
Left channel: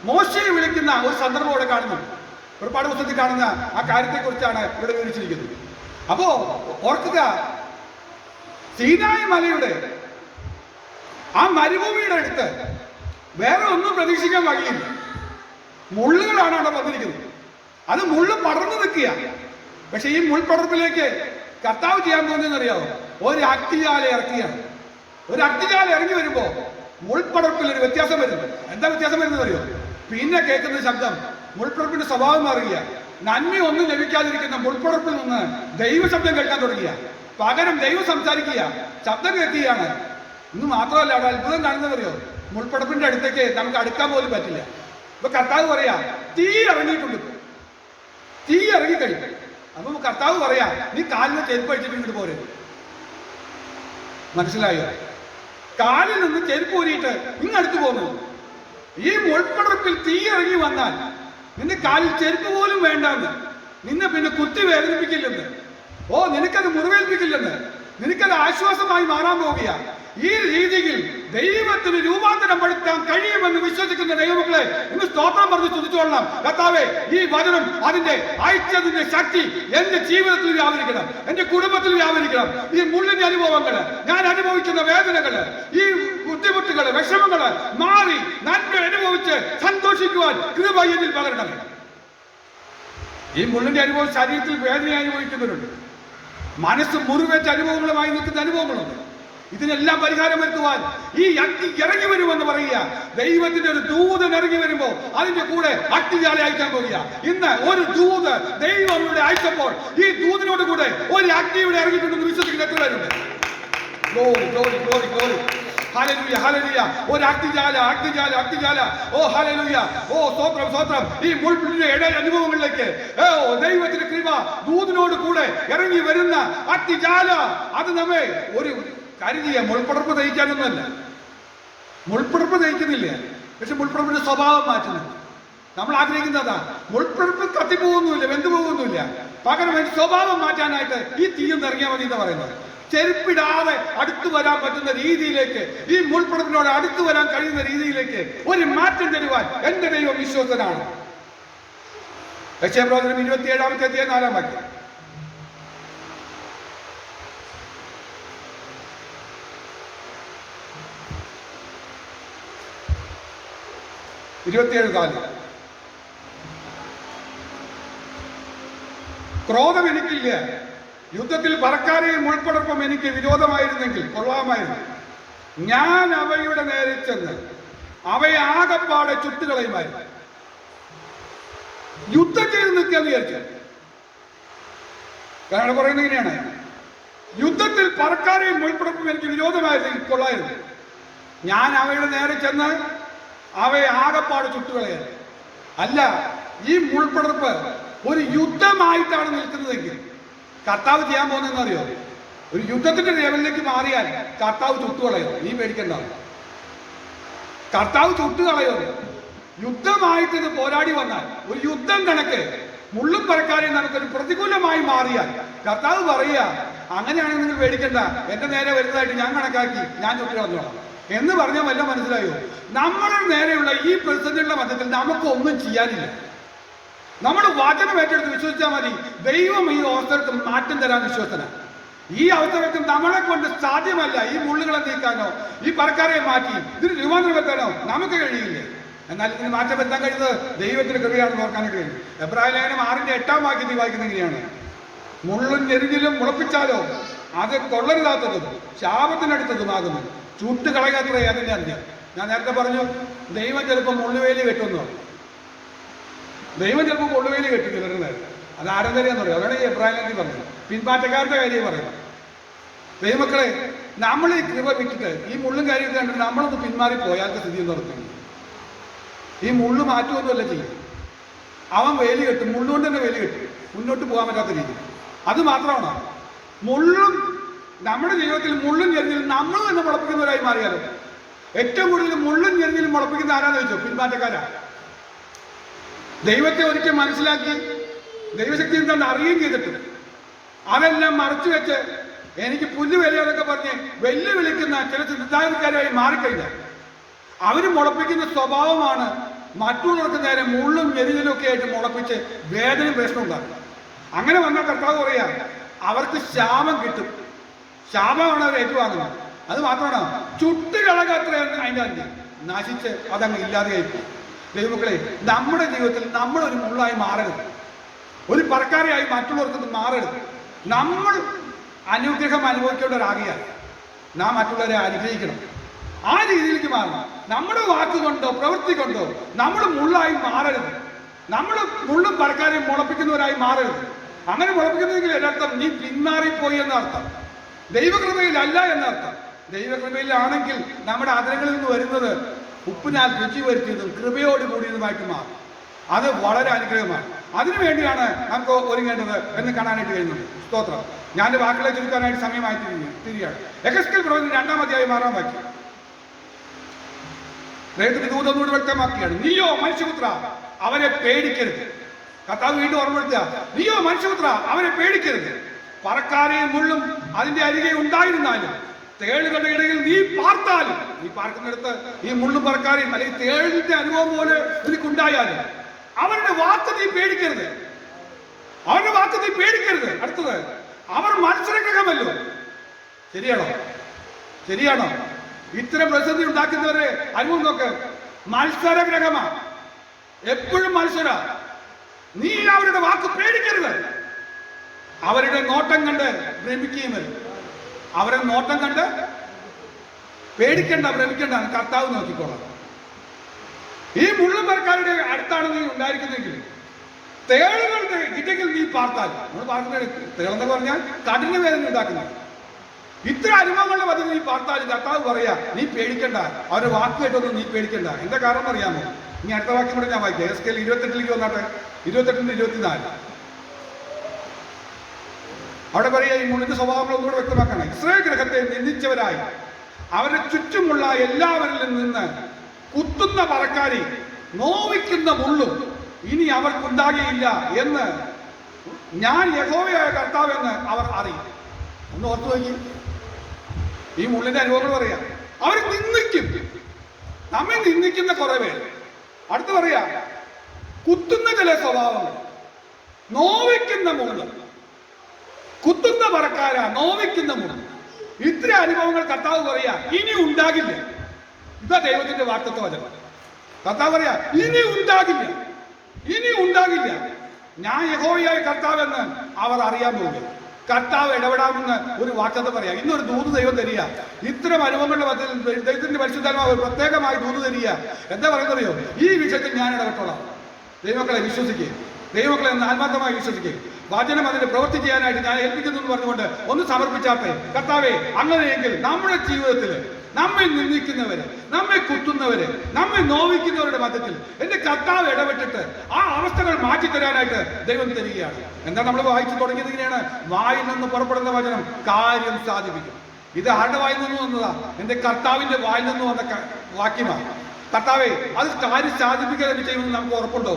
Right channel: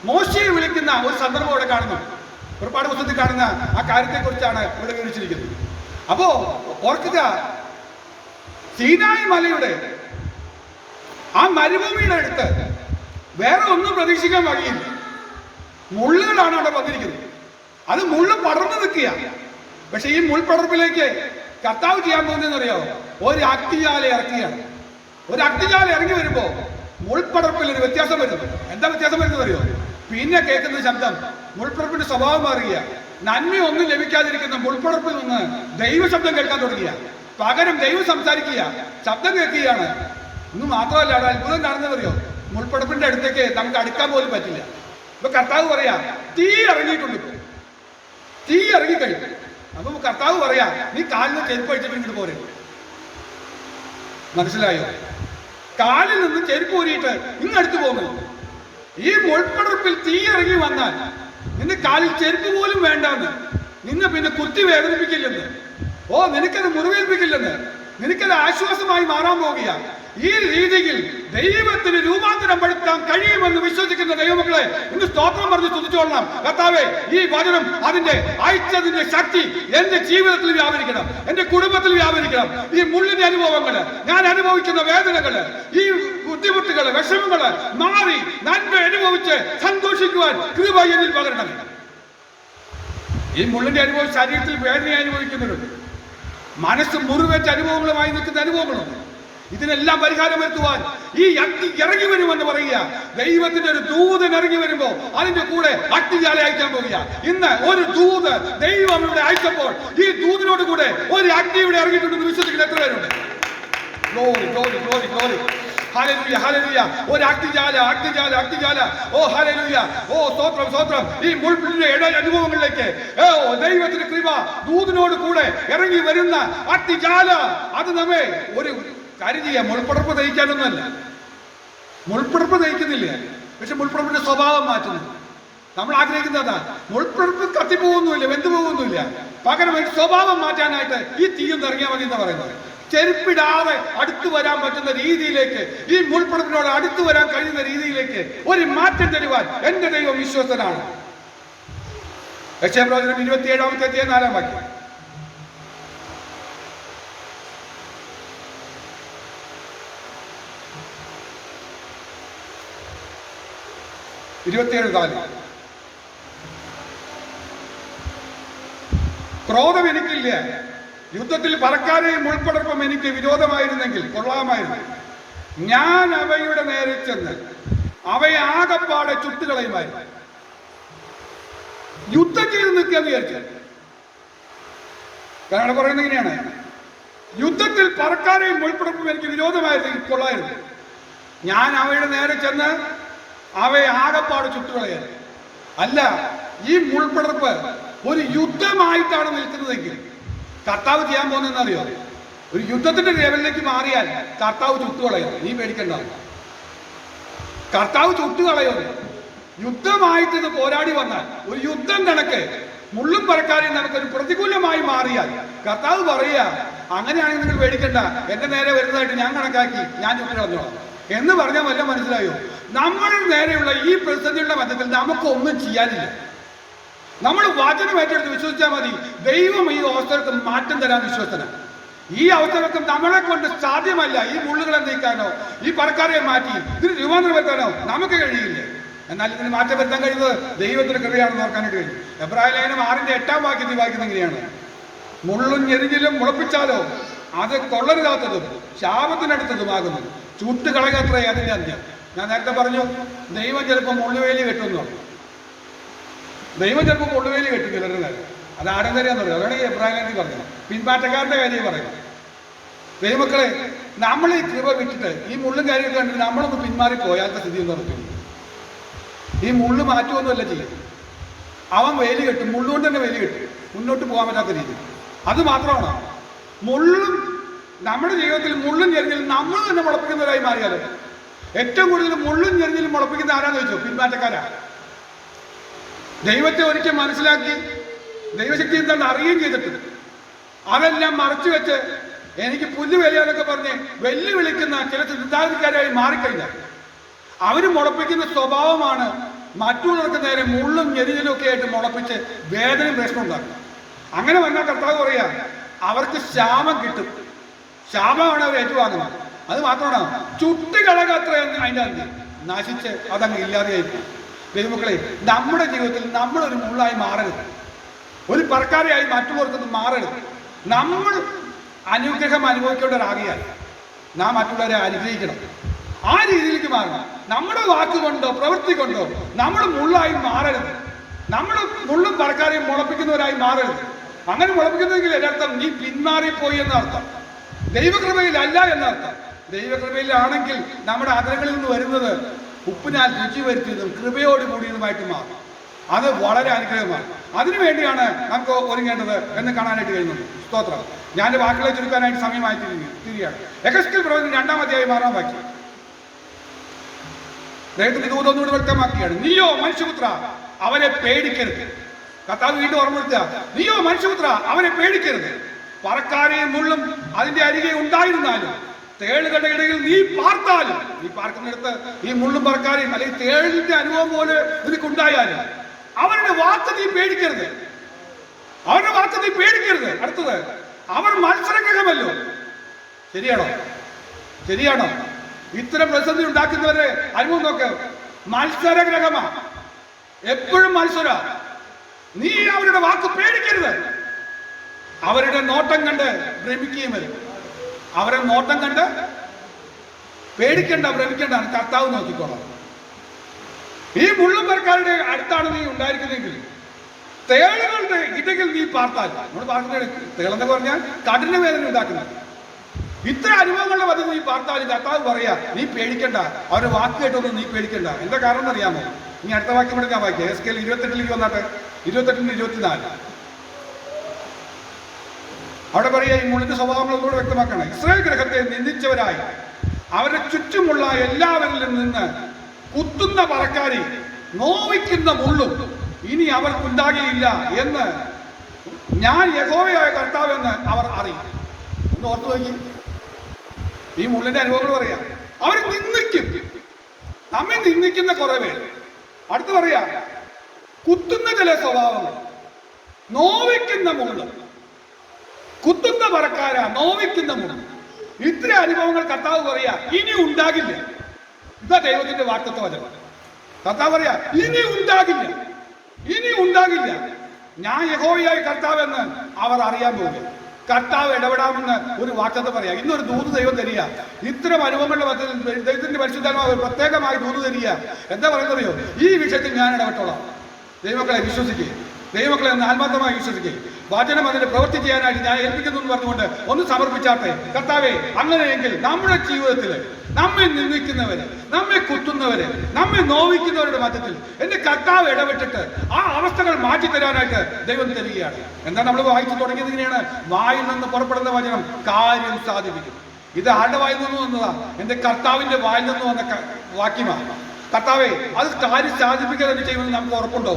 മോശയെ വിളിക്കുന്ന ഒരു സന്ദർഭം ഇവിടെ കാണുന്നു. പുറപ്പാട് പുസ്തകത്തിൽ കാണുന്ന ആ കാര്യത്തെക്കുറിച്ചാണ് ഇവിടെ വിവരിച്ചിരിക്കുന്നത്. അപ്പോ ഓർക്കുക, സീനായ് മലയുടെ ആ മരുഭൂമിയുടെ അടുത്ത് വേറെ ഒന്നും പ്രതീക്ഷിക്കാൻ വഴിയില്ല. മുള്ളുകളാണ് അവിടെ വന്നിരിക്കുന്നത്. അത് മുള്ള് പടർന്നു നിൽക്കുക. പക്ഷെ ഈ മുൾപടർപ്പിലേക്ക് കർത്താവ് ചെയ്യാൻ പോകുന്നതെന്നറിയാമോ? ഒരു അഗ്നിജ്വാല ഇറക്കുകയാണ്. ഒരു അഗ്നിജ്വാല ഇറങ്ങി വരുമ്പോ മുൾപടർപ്പിൽ ഒരു വ്യത്യാസം വരുന്നു. എന്താ വ്യത്യാസം വരുന്നത് അറിയോ? പിന്നെ കേൾക്കുന്ന ശബ്ദം മുൾപടർപ്പിന്റെ സ്വഭാവം മാറുക. നന്മ ഒന്നും ലഭിക്കാതിരിക്കുന്ന മുൾപടർപ്പിൽ നിന്ന് ദൈവശബ്ദം കേൾക്കാൻ തുടങ്ങിയ. പകരം ദൈവം സംസാരിക്കുക, ശബ്ദം കേൾക്കുകയാണ്. ഇന്ന് മാത്രമല്ല, അവിടെ അത്ഭുതം കാണുന്നതറിയോ? മുൾപടർപ്പിന്റെ അടുത്തേക്ക് നമുക്ക് അടുക്കാൻ പോലും പറ്റില്ല. ഇപ്പൊ കർത്താവ് പറയാ, തീ ഇറങ്ങിയിട്ടുണ്ട്. തീ ഇറങ്ങിക്കഴിഞ്ഞു. അപ്പൊ കർത്താവ് പറയാ, നീ കാലിന് ചെരുപ്പ് അടിച്ചിട്ട് ഇങ്ങോട്ട് പോരെ. മനസ്സിലായോ? കാലിൽ നിന്ന് ചെരുപ്പ് ഊരിയിട്ട് ഇങ്ങടുത്ത് പോകുന്നു. ഈ മുൾപ്പടർപ്പിൽ തീ ഇറങ്ങി വന്നാൽ നിന്റെ കാലിൽ ചെരുപ്പ് പോലും വേണ്ടാന്ന്, നിന്നെ പിന്നെ കുത്തി വേദനിപ്പിക്കില്ലെന്ന്, നിനക്കത് മുറിവേൽപ്പിക്കില്ലെന്ന്, നിനക്കത് ആശ്വാസമായി മാറാൻ പോകുക. ഈ രീതിയിൽ ദൈവത്തിന് രൂപാന്തരം പെടുത്താൻ കഴിയുമെന്ന് വിശ്വസിക്കുന്ന ദൈവമക്കളെ ഇന്ന് സ്തോത്രം പറഞ്ഞ് സ്തുതിച്ചോളണം. കർത്താവേ, ഈ വചനം അതിന്റെ അയച്ചതിന്റെ ശക്തി എന്റെ ജീവിതത്തിൽ വ്യാപരിക്കണം, എന്റെ കുടുംബത്തിൽ വ്യാപരിക്കണം. ഈ മുള്ളിന്റെ അനുഭവങ്ങള്, ഞാൻ അനുഭവിക്കുന്ന വേദനകള്, ഈ ബുദ്ധിമുട്ടുകള്, വിഷമങ്ങള് മാറി നന്മ അനുഭവിച്ച് സന്തോഷിക്കുവാൻ കൃപ എന്നിൽ പകരണമേ. ഈ മുള്ളിന്റെ അനുഭവം ശരീരത്തിൽ വേദന അനുഭവിക്കുന്നവരുണ്ട്, മനസ്സ് മുറിവേറ്റ അനുഭവങ്ങളുമായി നിൽക്കുന്ന അനുഭവങ്ങളുണ്ട്. ഇതിനെല്ലാം പരിഹാരം വരുത്തുവാൻ ഈ അഗ്നി ഇറങ്ങി വരുമെന്ന് പറയുക. ദൈവത്തിന്റെ ഒരു ദൂതൻ ഇറങ്ങി വരുമ്പോ അതിന്റെ കൂടെ അഗ്നിജ്വാല അയക്കാൻ പോകുക. ഇന്ന് ഒരു ദൂത് ദൈവം ഇവിടെ അയച്ചപ്പോൾ ഈ ദൂതിനോട് കൂടെ ഒരു അഗ്നി ഇവിടെ ഇറങ്ങിയിട്ടുണ്ടെന്ന് വിശ്വസിക്കുന്ന എത്ര പേരുണ്ട്? Glory glory glory glory. Hallelujah hallelujah. ഒരു അഗ്നിജ്വാല അഗ്നിജ്വാല അഗ്നിജ്വാല. ഹല്ലേലൂയ. സ്തോത്രം സ്തോത്രം. ഈ മുൾപ്പിന്റെ അനുഭവങ്ങളിലേക്ക് ദൈവത്തിന്റെ കൃപ ദൂതിനോട് കൂടെ ഇറങ്ങി വരുന്ന അഗ്നിജ്വാല അത് നമ്മെ ഒരു കാര്യം ചെയ്യാം. മുൾപ്പടർപ്പ് തയ്ക്കാനൊന്നുമല്ല, മുൾപ്പടർപ്പ് തയ്ക്കുന്നില്ല, പക്ഷെ മുൾപ്പടർപ്പിന്റെ സ്വഭാവം മാറ്റുന്നു. നമ്മൾ ആഗ്രഹിക്കുന്നതാ, മുൾപ്പടർപ്പ് കത്തിപ്പോകുന്നില്ല, വെന്തു പോകുന്നില്ല, പകരം സ്വഭാവം മാറ്റാനായിട്ട് ഈ തീയൊന്ന് ഇറങ്ങിയാൽ മതി എന്ന് പറയുന്നത്. ചെരുപ്പിടാതെ അടുത്തു വരാൻ പറ്റുന്ന രീതിയിലേക്ക്, ഈ മുൾപ്പടർപ്പിനോട് അടുത്തു വരാൻ കഴിയുന്ന രീതിയിലേക്ക് ഒരു മാറ്റം തരുവാൻ എന്റെ ദൈവം വിശ്വസ്തനാണ്. യെശയ്യാപ്രവചനം 27-ാമത്തെ അധ്യായം 4-ാം വാക്യം. ക്രോധം എനിക്കില്ല, യുദ്ധത്തിൽ പറക്കാരെയും മുൾപ്പടർപ്പും എനിക്ക് വിരോധമായിരുന്നെങ്കിൽ കൊള്ളാമായിരുന്നു. ഞാൻ അവയുടെ നേരെ ചെന്ന് അവയെ ആകപ്പാടെ ചുട്ടുകളയുമായിരുന്നു. യുദ്ധം ചെയ്ത് നിൽക്കുകയെന്ന് വിചാരിച്ചു. കാരണം പറയുന്നത് ഇങ്ങനെയാണ്, യുദ്ധത്തിൽ പറക്കാരെയും മുൾപ്പടപ്പും എനിക്ക് വിരോധമായിരുന്നെങ്കിൽ കൊള്ളായിരുന്നു. ഞാൻ അവയുടെ നേരെ ചെന്ന് അവയെ ആകപ്പാട് ചുട്ടുകളയാൻ. അല്ല, ഈ മുൾപ്പടർപ്പ് ഒരു യുദ്ധമായിട്ടാണ് നിൽക്കുന്നതെങ്കിൽ കർത്താവ് ചെയ്യാൻ പോകുന്നതെന്നറിയോ? ഒരു യുദ്ധത്തിന്റെ ലെവലിലേക്ക് മാറിയാൽ കർത്താവ് ചുട്ടുകളയും. നീ പേടിക്കണ്ട, കർത്താവ് ചുട്ടുകളയുന്നു. യുദ്ധമായിട്ട് ഇത് പോരാടി വന്നാൽ ഒരു യുദ്ധം കണക്ക് മുള്ളും പറക്കാരെയും നമുക്കൊരു പ്രതികൂലമായി മാറിയാൽ കർത്താവ് പറയുക, അങ്ങനെയാണെങ്കിൽ നിങ്ങൾ പേടിക്കണ്ട, എന്റെ നേരെ വരുന്നതായിട്ട് ഞാൻ കണക്കാക്കി ഞാൻ ചുട്ടുകളഞ്ഞോളാം എന്ന് പറഞ്ഞാൽ വല്ല മനസ്സിലായോ? നമ്മുടെ നേരെയുള്ള ഈ പ്രതിസന്ധിയുടെ മധ്യത്തിൽ നമുക്കൊന്നും ചെയ്യാനില്ല. നമ്മൾ വചനം ഏറ്റെടുത്ത് വിശ്വസിച്ചാൽ മതി. ദൈവം ഈ അവസരത്തിൽ മാറ്റം തരാൻ വിശ്വസന. ഈ അവസരത്തിൽ നമ്മളെ കൊണ്ട് സാധ്യമല്ല ഈ മുള്ളുകളെ നീക്കാനോ ഈ പറക്കാരെ മാറ്റി ഇതിന് രൂപാന്തരം വരുത്താനോ നമുക്ക് കഴിയില്ലേ. എന്നാൽ ഇതിന് മാറ്റം വരുത്താൻ കഴിയുന്നത് ദൈവത്തിന് കൃപയാണെന്ന് ഓർക്കാനായിട്ട് കഴിയും. എബ്രായ ലേഖനം 6:8 വാക്യത്തിൽ വായിക്കുന്ന ഇങ്ങനെയാണ്, മുള്ളും ഞെരിഞ്ഞിലും മുളപ്പിച്ചാലോ അത് കൊള്ളരുതാത്തതും ശാപത്തിനടുത്തതുമാകുന്നു, ചുട്ടുകളയത്രേ അതിന്റെ അന്ത്യം. ഞാൻ നേരത്തെ പറഞ്ഞു, ദൈവം ചിലപ്പോൾ മുള്ളുവേലി കെട്ടുന്നു. ദൈവം ചിലപ്പോൾ മുള്ളുവേലി കെട്ടി ചിലരുടെ നേരം. അത് ആരെന്തറിയാന്ന് പറയും. അതാണ് ഈ എബ്രാഹിം പറഞ്ഞത്. പിൻമാറ്റക്കാരുടെ കാര്യം പറയുന്നത്. ദൈവമക്കളെ, നമ്മൾ ഈ കൃപ വിട്ടിട്ട് ഈ മുള്ളും കാര്യമൊക്കെ കണ്ടിട്ട് നമ്മളൊന്ന് പിന്മാറി പോയാലത്തെ സ്ഥിതി ഒന്ന് നടത്തി. ഈ മുള്ളു മാറ്റുമൊന്നുമല്ല ചെയ്യും. അവൻ വേലി കെട്ടും, മുള്ളുകൊണ്ട് തന്നെ വേലി കെട്ടും, മുന്നോട്ട് പോകാൻ പറ്റാത്ത രീതി. അത് മാത്രമാണ് മുള്ളും നമ്മുടെ ജീവിതത്തിൽ മുള്ളും ഞെരിഞ്ഞിലും നമ്മൾ തന്നെ മുളപ്പിക്കുന്നവരായി മാറിയാലോ. ഏറ്റവും കൂടുതൽ മുള്ളും ഞെരിഞ്ഞിലും മുളപ്പിക്കുന്ന ആരാന്ന് ചോദിച്ചോ? പിന്മാറ്റക്കാരാ. ദൈവത്തെ ഒരിക്കൽ മനസ്സിലാക്കി ദൈവശക്തി എന്താണ് അറിയുകയും ചെയ്തിട്ട് അതെല്ലാം മറച്ചു വെച്ച് എനിക്ക് പുല്ല് വിലയാന്നൊക്കെ പറഞ്ഞ് വെല്ലുവിളിക്കുന്ന ചില ചിന്താഗതിക്കാരായി മാറിക്കഴിഞ്ഞാൽ അവര് മുളപ്പിക്കുന്ന സ്വഭാവമാണ് മറ്റുള്ളവർക്ക് നേരെ മുള്ളും ഞെരിഞ്ഞിലും ഒക്കെ ആയിട്ട് മുളപ്പിച്ച് വേദനയും പ്രശ്നം ഉണ്ടാക്കും. അങ്ങനെ വന്നാൽ കർത്താവ് പറയാ, അവർക്ക് ശാപം കിട്ടും. ശാപമാണ് അവർ ഏറ്റുവാങ്ങുന്നത്. അത് മാത്രമാണ് ചുട്ടുകളകത്രയെന്ന് അതിൻ്റെ അന്ത്യം നശിച്ച് അതങ്ങ് ഇല്ലാതെയായി പോകും. ദൈവമക്കളെ, നമ്മുടെ ജീവിതത്തിൽ നമ്മളൊരു മുള്ളായി മാറരുത്, ഒരു പറക്കാരെയായി മറ്റുള്ളവർക്ക് മാറരുത്. നമ്മൾ അനുഗ്രഹം അനുഭവിക്കേണ്ടവരാകിയാൽ നാം മറ്റുള്ളവരെ അനുഗ്രഹിക്കണം. ആ രീതിയിലേക്ക് മാറണം. നമ്മുടെ വാക്കുകൊണ്ടോ പ്രവൃത്തി കൊണ്ടോ നമ്മൾ മുള്ളായി മാറരുത്. നമ്മൾ മുള്ളും പറക്കാരെയും മുളപ്പിക്കുന്നവരായി മാറരുത്. അങ്ങനെ മുളപ്പിക്കുന്നെങ്കിൽ എന്നർത്ഥം നീ പിന്മാറിപ്പോയി എന്നർത്ഥം, ദൈവകൃപയിലല്ല എന്നർത്ഥം. ദൈവകൃപയിലാണെങ്കിൽ നമ്മുടെ ആദരങ്ങളിൽ നിന്ന് വരുന്നത് ഉപ്പിനാൽ രുചി വരുത്തിയതും കൃപയോട് കൂടിയതുമായിട്ട് മാറും. അത് വളരെ അനുഗ്രഹമാണ്. അതിനുവേണ്ടിയാണ് നമുക്ക് ഒരുങ്ങേണ്ടത് എന്ന് കാണാനായിട്ട് കഴിയുന്നുണ്ട്. സ്തോത്രം. ഞാൻ വാക്കുകളെ ചുരുക്കാനായിട്ട് സമയമായി തീരുകയാണ്. എഹെസ്കേൽ പ്രവചനം 2-ാം അധ്യായം 6-ാം വാക്യം ദൈവത്തിന്റെ ദൂതം ഒന്നുകൂടി വ്യക്തമാക്കിയാണ്, നീയോ മനുഷ്യപുത്ര അവരെ പേടിക്കരുത്. കർത്താവ് വീണ്ടും ഓർമ്മപ്പെടുത്തുക, നീയോ മനുഷ്യപുത്ര അവരെ പേടിക്കരുത്. പറക്കാരെയും മുള്ളും അതിന്റെ അരികെ ഉണ്ടായിരുന്നാലും തേളുകളുടെ ഇടയിൽ നീ പാർത്താലും, നീ പാർക്കുന്നിടത്ത് ഈ മുള്ളും പറക്കാരെയും അല്ലെങ്കിൽ തേളിന്റെ അനുഭവം പോലെ നിനക്കുണ്ടായാലും അവരുടെ വാക്ക് നീ പേടിക്കരുത്. അവരുടെ വാക്ക് നീ പേടിക്കരുത്. അടുത്തത്, അവർ മത്സരഗ്രഹമല്ലോ. ശരിയാണോ? ശരിയാണോ? ഇത്തരം പ്രതിസന്ധി ഉണ്ടാക്കുന്നവരുടെ അനുഭവം നോക്ക്. മത്സരഗ്രഹമാ, എപ്പോഴും മത്സര. നീ അവരുടെ വാക്ക് പേടിക്കരുത്. അവരുടെ നോട്ടം കണ്ട് ഭ്രമിക്കുകയും വരും. അവരുടെ നോട്ടം കണ്ട് പേടിക്കണ്ട, ഭ്രമിക്കണ്ട, കർത്താവ് നോക്കിക്കോളാം. ഈ മുള്ളും പേർക്കാരുടെ അടുത്താണ് നീ ഉണ്ടായിരിക്കുന്നെങ്കിൽ തേളുകളുടെ ഇടയിൽ നീ പാർത്താൽ, നമ്മൾ പാർക്കുന്ന തേളെന്ന് പറഞ്ഞാൽ കഠിന വേദന ഉണ്ടാക്കുന്നത്. ഇത്ര അനുഭവങ്ങളുടെ മധ്യ നീ പാർത്താലും കർത്താവ് പറയാ, നീ പേടിക്കണ്ട, അവരുടെ വാക്ക് കേട്ടൊന്നും നീ പേടിക്കണ്ട. എന്താ കാരണം എന്നറിയാമോ? ഇനി അടുത്ത വാക്യം കൂടെ ഞാൻ വായിക്കാം. എഹെസ്കേൽ 28-ലേക്ക് വന്നാട്ടെ, 28-24. അവിടെ പറയുക, ഈ മുള്ളിന്റെ സ്വഭാവങ്ങൾ ഒന്നുകൂടെ വ്യക്തമാക്കണം. ഇസ്രായേൽ ഗ്രഹത്തെ നിന്ദിച്ചവരായി അവരുടെ ചുറ്റുമുള്ള എല്ലാവരിലും നിന്ന് കുത്തുന്ന പറക്കാരി നോവിക്കുന്ന മുള്ളും ഇനി അവർക്കുണ്ടാകുകയില്ല എന്ന് ഞാൻ യഹോവയായ കർത്താവ് എന്ന് അവർ അറിയും. ഒന്ന് ഓർത്തു നോക്കി. ഈ മുള്ളിന്റെ അനുഭവങ്ങൾ പറയാം. അവർ നിന്ദിക്കും, നമ്മെ നിന്ദിക്കുന്ന കുറെ പേര്. അടുത്ത് പറയാ, കുത്തുന്ന ചില സ്വഭാവങ്ങൾ, നോവിക്കുന്ന മുള്ളും, കുത്തുന്ന പറക്കാര, നോവിക്കുന്ന മുള്ളും. ഇത്ര അനുഭവങ്ങൾ കർത്താവ് പറയാ ഇനി ഉണ്ടാകില്ല. ഇതാ ദൈവത്തിന്റെ വാഗ്ദത്ത വചനം. കർത്താവ് പറയാ ഇനി ഉണ്ടാകില്ല, ഇനി ഉണ്ടാകില്ല. ഞാൻ യഹോവയായ കർത്താവ് എന്ന് അവർ അറിയാൻ പോകും. കർത്താവ് ഇടപെടാമെന്ന് ഒരു വാഗ്ദത്തം പറയാ. ഇന്നൊരു ദൂത് ദൈവം തരിക. ഇത്തരം അനുഭവങ്ങളുടെ മധ്യത്തിൽ ദൈവത്തിന്റെ പരിശുദ്ധാത്മാവ് പ്രത്യേകമായി ദൂത് തരിക. എന്താ പറയുന്നറിയോ? ഈ വിഷയത്തിൽ ഞാൻ ഇടപെട്ടോളാം. ദൈവമക്കളെ വിശ്വസിക്കുക. ദൈവമക്കളെ ഒന്ന് ആത്മാർത്ഥമായി വിശ്വസിക്കുക. വചനം അതിന് പ്രവൃത്തി ചെയ്യാനായിട്ട് ഞാൻ ഏൽപ്പിക്കുന്നു എന്ന് പറഞ്ഞുകൊണ്ട് ഒന്ന് സമർപ്പിച്ചാട്ടെ. കർത്താവേ, അങ്ങനെയെങ്കിൽ നമ്മുടെ ജീവിതത്തിൽ നമ്മെ നിന്ദിക്കുന്നവര്, നമ്മെ കുത്തുന്നവര്, നമ്മെ നോവിക്കുന്നവരുടെ മധ്യത്തിൽ എന്റെ കർത്താവ് ഇടപെട്ടിട്ട് ആ അവസ്ഥകൾ മാറ്റിത്തരാനായിട്ട് ദൈവം തരികയാണ്. എന്താ നമ്മൾ വായിച്ചു തുടങ്ങിയത്? ഇങ്ങനെയാണ്, വായിൽ നിന്ന് പുറപ്പെടുന്ന വചനം കാര്യം സാധിപ്പിക്കും. ഇത് ആരുടെ വായിൽ നിന്ന് വന്നതാ? എന്റെ കർത്താവിന്റെ വായിൽ നിന്ന് വന്ന വാക്യമാണ്. കർത്താവേ, അത് കാര്യം സാധിപ്പിക്കുക തന്നെ ചെയ്യുമെന്ന് നമുക്ക് ഉറപ്പുണ്ടോ?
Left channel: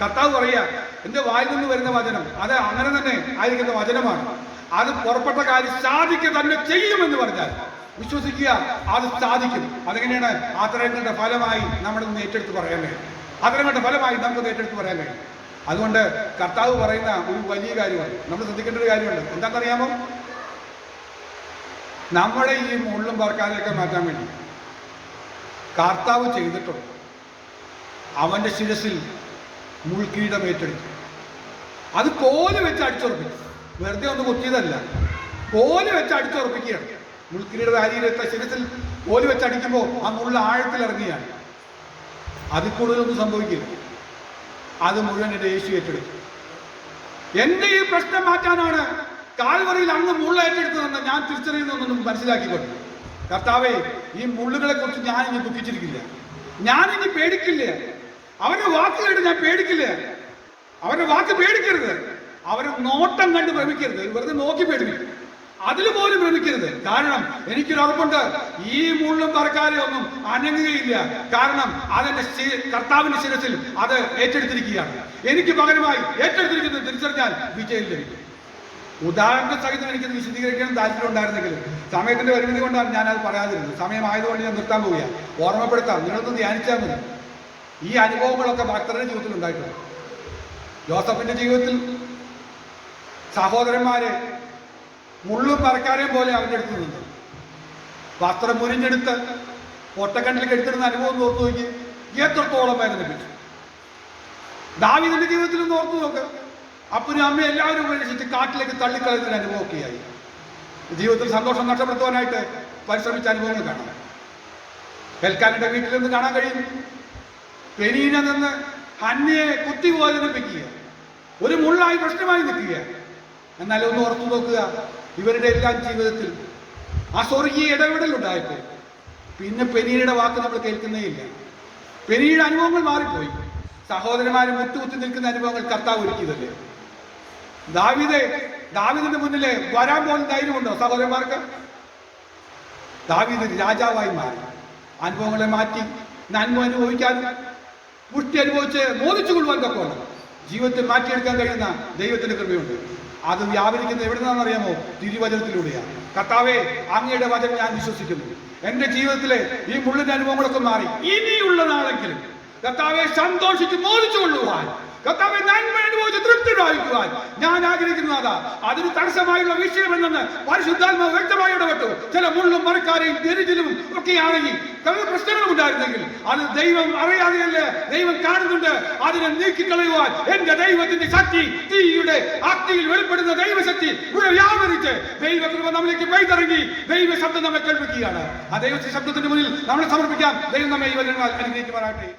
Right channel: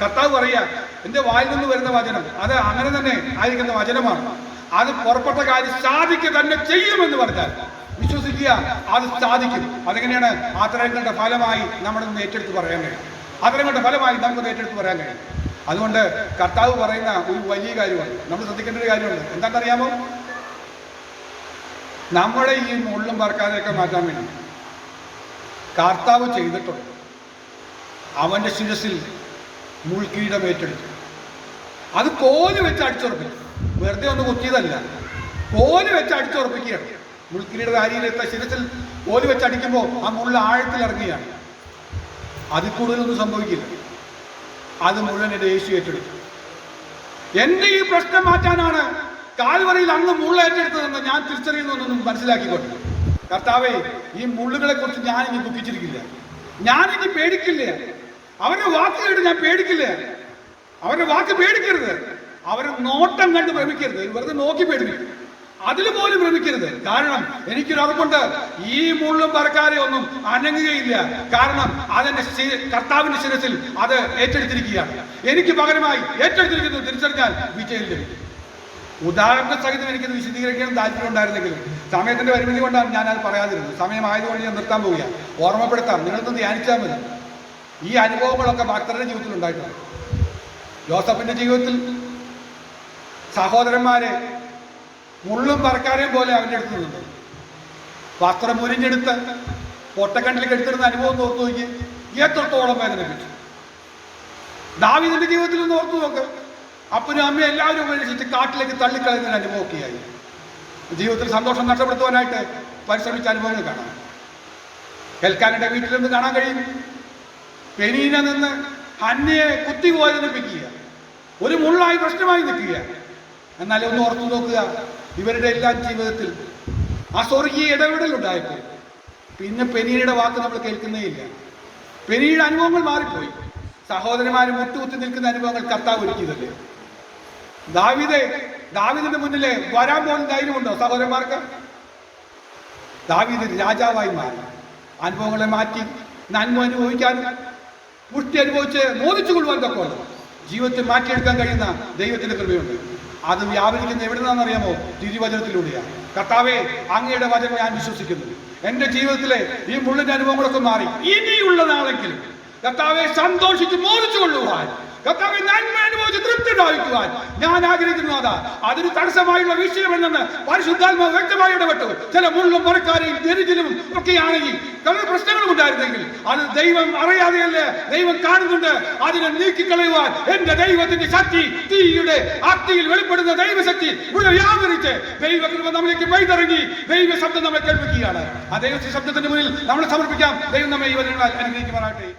കർത്താവ് പറയുക, എന്റെ വായിൽ നിന്ന് വരുന്ന വചനം അത് അങ്ങനെ തന്നെ ആയിരിക്കുന്ന വചനമാണ്. അത് പുറപ്പെട്ട കാര്യം സാധിക്കുക തന്നെ ചെയ്യുമെന്ന് പറഞ്ഞാൽ വിശ്വസിക്കുക, അത് സാധിക്കും. അതെങ്ങനെയാണ്? ആദരങ്ങളുടെ ഫലമായി നമ്മുടെ ഏറ്റെടുത്ത് പറയാൻ കഴിയും. ആദരങ്ങളുടെ ഫലമായി നമുക്ക് ഏറ്റെടുത്ത് പറയാൻ കഴിയും. അതുകൊണ്ട് കർത്താവ് പറയുന്ന ഒരു വലിയ കാര്യമാണ്, നമ്മൾ ശ്രദ്ധിക്കേണ്ട ഒരു കാര്യമുണ്ട്. എന്താണെന്നറിയാമോ? നമ്മുടെ ഈ മുള്ളും പറക്കാനൊക്കെ മാറ്റാൻ വേണ്ടി കർത്താവ് ചെയ്തിട്ടുണ്ട്. അവന്റെ ശിരസിൽ മുൾക്കിരീടം ഏറ്റെടുത്തു. അത് കോല് വെച്ച് അടിച്ചുറപ്പിച്ചു. വെറുതെ ഒന്ന് കുത്തിയതല്ല, കോല് വെച്ച് അടിച്ചുറപ്പിക്കുകയാണ്. മുൾക്കിരീടം അരിയിലെത്ത ശിരസിൽ കോല് വെച്ച് അടിക്കുമ്പോൾ ആ മുള്ള ആഴത്തിൽ ഇറങ്ങിയാണ്. അതിൽ കൂടുതലൊന്നും സംഭവിക്കില്ല. അത് മുഴുവൻ എൻ്റെ യേശു ഏറ്റെടുത്തു. എൻ്റെ ഈ പ്രശ്നം മാറ്റാനാണ് കാൽവറിയിൽ അങ്ങ് മുള്ള ഏറ്റെടുത്തതെന്ന് ഞാൻ തിരിച്ചറിയുന്നതെന്നും മനസ്സിലാക്കിക്കൊണ്ട്, കർത്താവേ, ഈ മുള്ളുകളെ കുറിച്ച് ഞാനിനി ദുഃഖിച്ചിരിക്കില്ല, ഞാനിനി പേടിക്കില്ല. അവരുടെ വാക്ക് കേട്ട് ഞാൻ പേടിക്കില്ല. അവരുടെ വാക്ക് പേടിക്കരുത്. അവരുടെ നോട്ടം കണ്ട് ഭ്രമിക്കരുത്. വെറുതെ നോക്കി പേടിക്കും, അതിൽ പോലും ഭ്രമിക്കരുത്. കാരണം എനിക്കൊരു ഉറപ്പുണ്ട്, ഈ മുള്ളും പറക്കാരെ ഒന്നും അനങ്ങുകയില്ല. കാരണം അതെന്റെ കർത്താവിന്റെ ശിരസിൽ അത് ഏറ്റെടുത്തിരിക്കുകയാണ്. എനിക്ക് പകരമായി ഏറ്റെടുത്തിരിക്കുന്നത് തിരിച്ചറിഞ്ഞാൽ വിജയം ലഭിക്കും. ഉദാഹരണ സഹിതം എനിക്കത് വിശദീകരിക്കാൻ താല്പര്യം ഉണ്ടായിരുന്നെങ്കിലും സമയത്തിന്റെ പരിമിതി കൊണ്ടാണ് ഞാനത് പറയാതിരുന്നത്. സമയമായതുകൊണ്ട് ഞാൻ നിർത്താൻ പോവുകയാണ്. ഓർമ്മപ്പെടുത്താം, നിങ്ങളൊന്ന് ധ്യാനിച്ചാൽ മതി. ഈ അനുഭവങ്ങളൊക്കെ ഭക്തരുടെ ജീവിതത്തിൽ ഉണ്ടായിട്ടുണ്ട്. ജോസഫിന്റെ ജീവിതത്തിൽ സഹോദരന്മാരെ മുള്ളും പറക്കാരെയും പോലെ അവൻ്റെ അടുത്ത് നിന്നു. വസ്ത്രം മുരിഞ്ഞെടുത്ത് പൊട്ടക്കണ്ടിലേക്ക് എടുത്തിരുന്ന അനുഭവം ഓർത്തു നോക്കി, എത്രത്തോളം വേദനിപ്പിച്ചു. ദാവീദിന്റെ ജീവിതത്തിൽ ഒന്ന് ഓർത്തു നോക്ക്. അപ്പനും അമ്മയും എല്ലാവരും ഉപേക്ഷിച്ച് കാട്ടിലേക്ക് തള്ളിക്കളയുന്ന അനുഭവമൊക്കെയായി. ജീവിതത്തിൽ സന്തോഷം നഷ്ടപ്പെടുത്തുവാനായിട്ട് പരിശ്രമിച്ച അനുഭവങ്ങൾ കാണാം. എൽക്കാനയുടെ വീട്ടിൽ നിന്ന് കാണാൻ കഴിയും. പെനീന നിന്ന് ഹന്നയെ കുത്തി വേദനിപ്പിക്കുക, ഒരു മുള്ളായി പ്രശ്നമായി നിൽക്കുക. എന്നാൽ ഒന്ന് ഓർത്തു നോക്കുക, ഇവരുടെ എല്ലാം ജീവിതത്തിൽ ആ സ്വർഗീയ ഇടപെടലുണ്ടായപ്പോൾ പിന്നെ പെനീനയുടെ വാക്ക് നമ്മൾ കേൾക്കുന്നേയില്ല. പെനീനയുടെ അനുഭവങ്ങൾ മാറിപ്പോയി. സഹോദരന്മാരെ മുട്ടുകുത്തി നിൽക്കുന്ന അനുഭവങ്ങൾ കർത്താവ് ഒരുക്കിയതല്ലേ. ദാവീദിന്റെ മുന്നിലെ വരാൻ പോകുന്ന ധൈര്യമുണ്ടോ സഹോദരന്മാർക്ക്? ദാവീദ് രാജാവായി മാറി. അനുഭവങ്ങളെ മാറ്റി നന്മ അനുഭവിക്കാനും പുഷ്ടി അനുഭവിച്ച് മോദിച്ചു കൊള്ളുവാൻ തൊക്കെയാണ് ജീവിതത്തെ മാറ്റിയെടുക്കാൻ കഴിയുന്ന ദൈവത്തിന്റെ കൃപയുണ്ട്. അത് വ്യാപരിക്കുന്ന എവിടെ നിന്നാണെന്നറിയാമോ? തിരുവചനത്തിലൂടെയാണ്. കർത്താവേ, അങ്ങയുടെ വചനം ഞാൻ വിശ്വസിക്കുന്നു. എന്റെ ജീവിതത്തിലെ ഈ മുള്ളിന്റെ അനുഭവങ്ങളൊക്കെ മാറി. ഇനിയുള്ള നാളെങ്കിലും കർത്താവെ സന്തോഷിച്ച് മോദിച്ചു കൊള്ളുവാൻ, കർത്താവെ നന്മ അനുഭവിച്ച് തൃപ്തി പ്രാപിക്കുവാൻ ഞാൻ ആഗ്രഹിക്കുന്നതാ. അതിന് തടസ്സമായുള്ള വിഷയമെന്ന് പരിശുദ്ധാത്മാവ് വ്യക്തമായി ഇടപെട്ടു. ചില മുള്ളും മറക്കാരെയും ദരിദ്രവും ഒക്കെയാണെങ്കിൽ പല പ്രശ്നങ്ങളും ഉണ്ടായിരുന്നെങ്കിൽ അത് ദൈവം അറിയാതെയല്ല, ദൈവം കാണുന്നുണ്ട്. അതിനെ നീക്കിക്കളയുവാൻ എന്റെ ദൈവത്തിന്റെ ശക്തി, തീയുടെ അഗ്നിയിൽ വെളിപ്പെടുന്ന ദൈവശക്തി ഇവിടെ വ്യാപരിച്ച് ദൈവകൃപ നമ്മിലേക്ക് പെയ്തിറങ്ങി ദൈവ ശബ്ദം നമ്മളെ കേൾപ്പിക്കുകയാണ്. ആ ദൈവത്തിന്റെ ശബ്ദത്തിന്റെ മുന്നിൽ നമ്മളെ സമർപ്പിക്കാം. ദൈവം നമ്മെ ഈ വചനങ്ങളാൽ അനുഗ്രഹിക്കുവാനാകട്ടെ.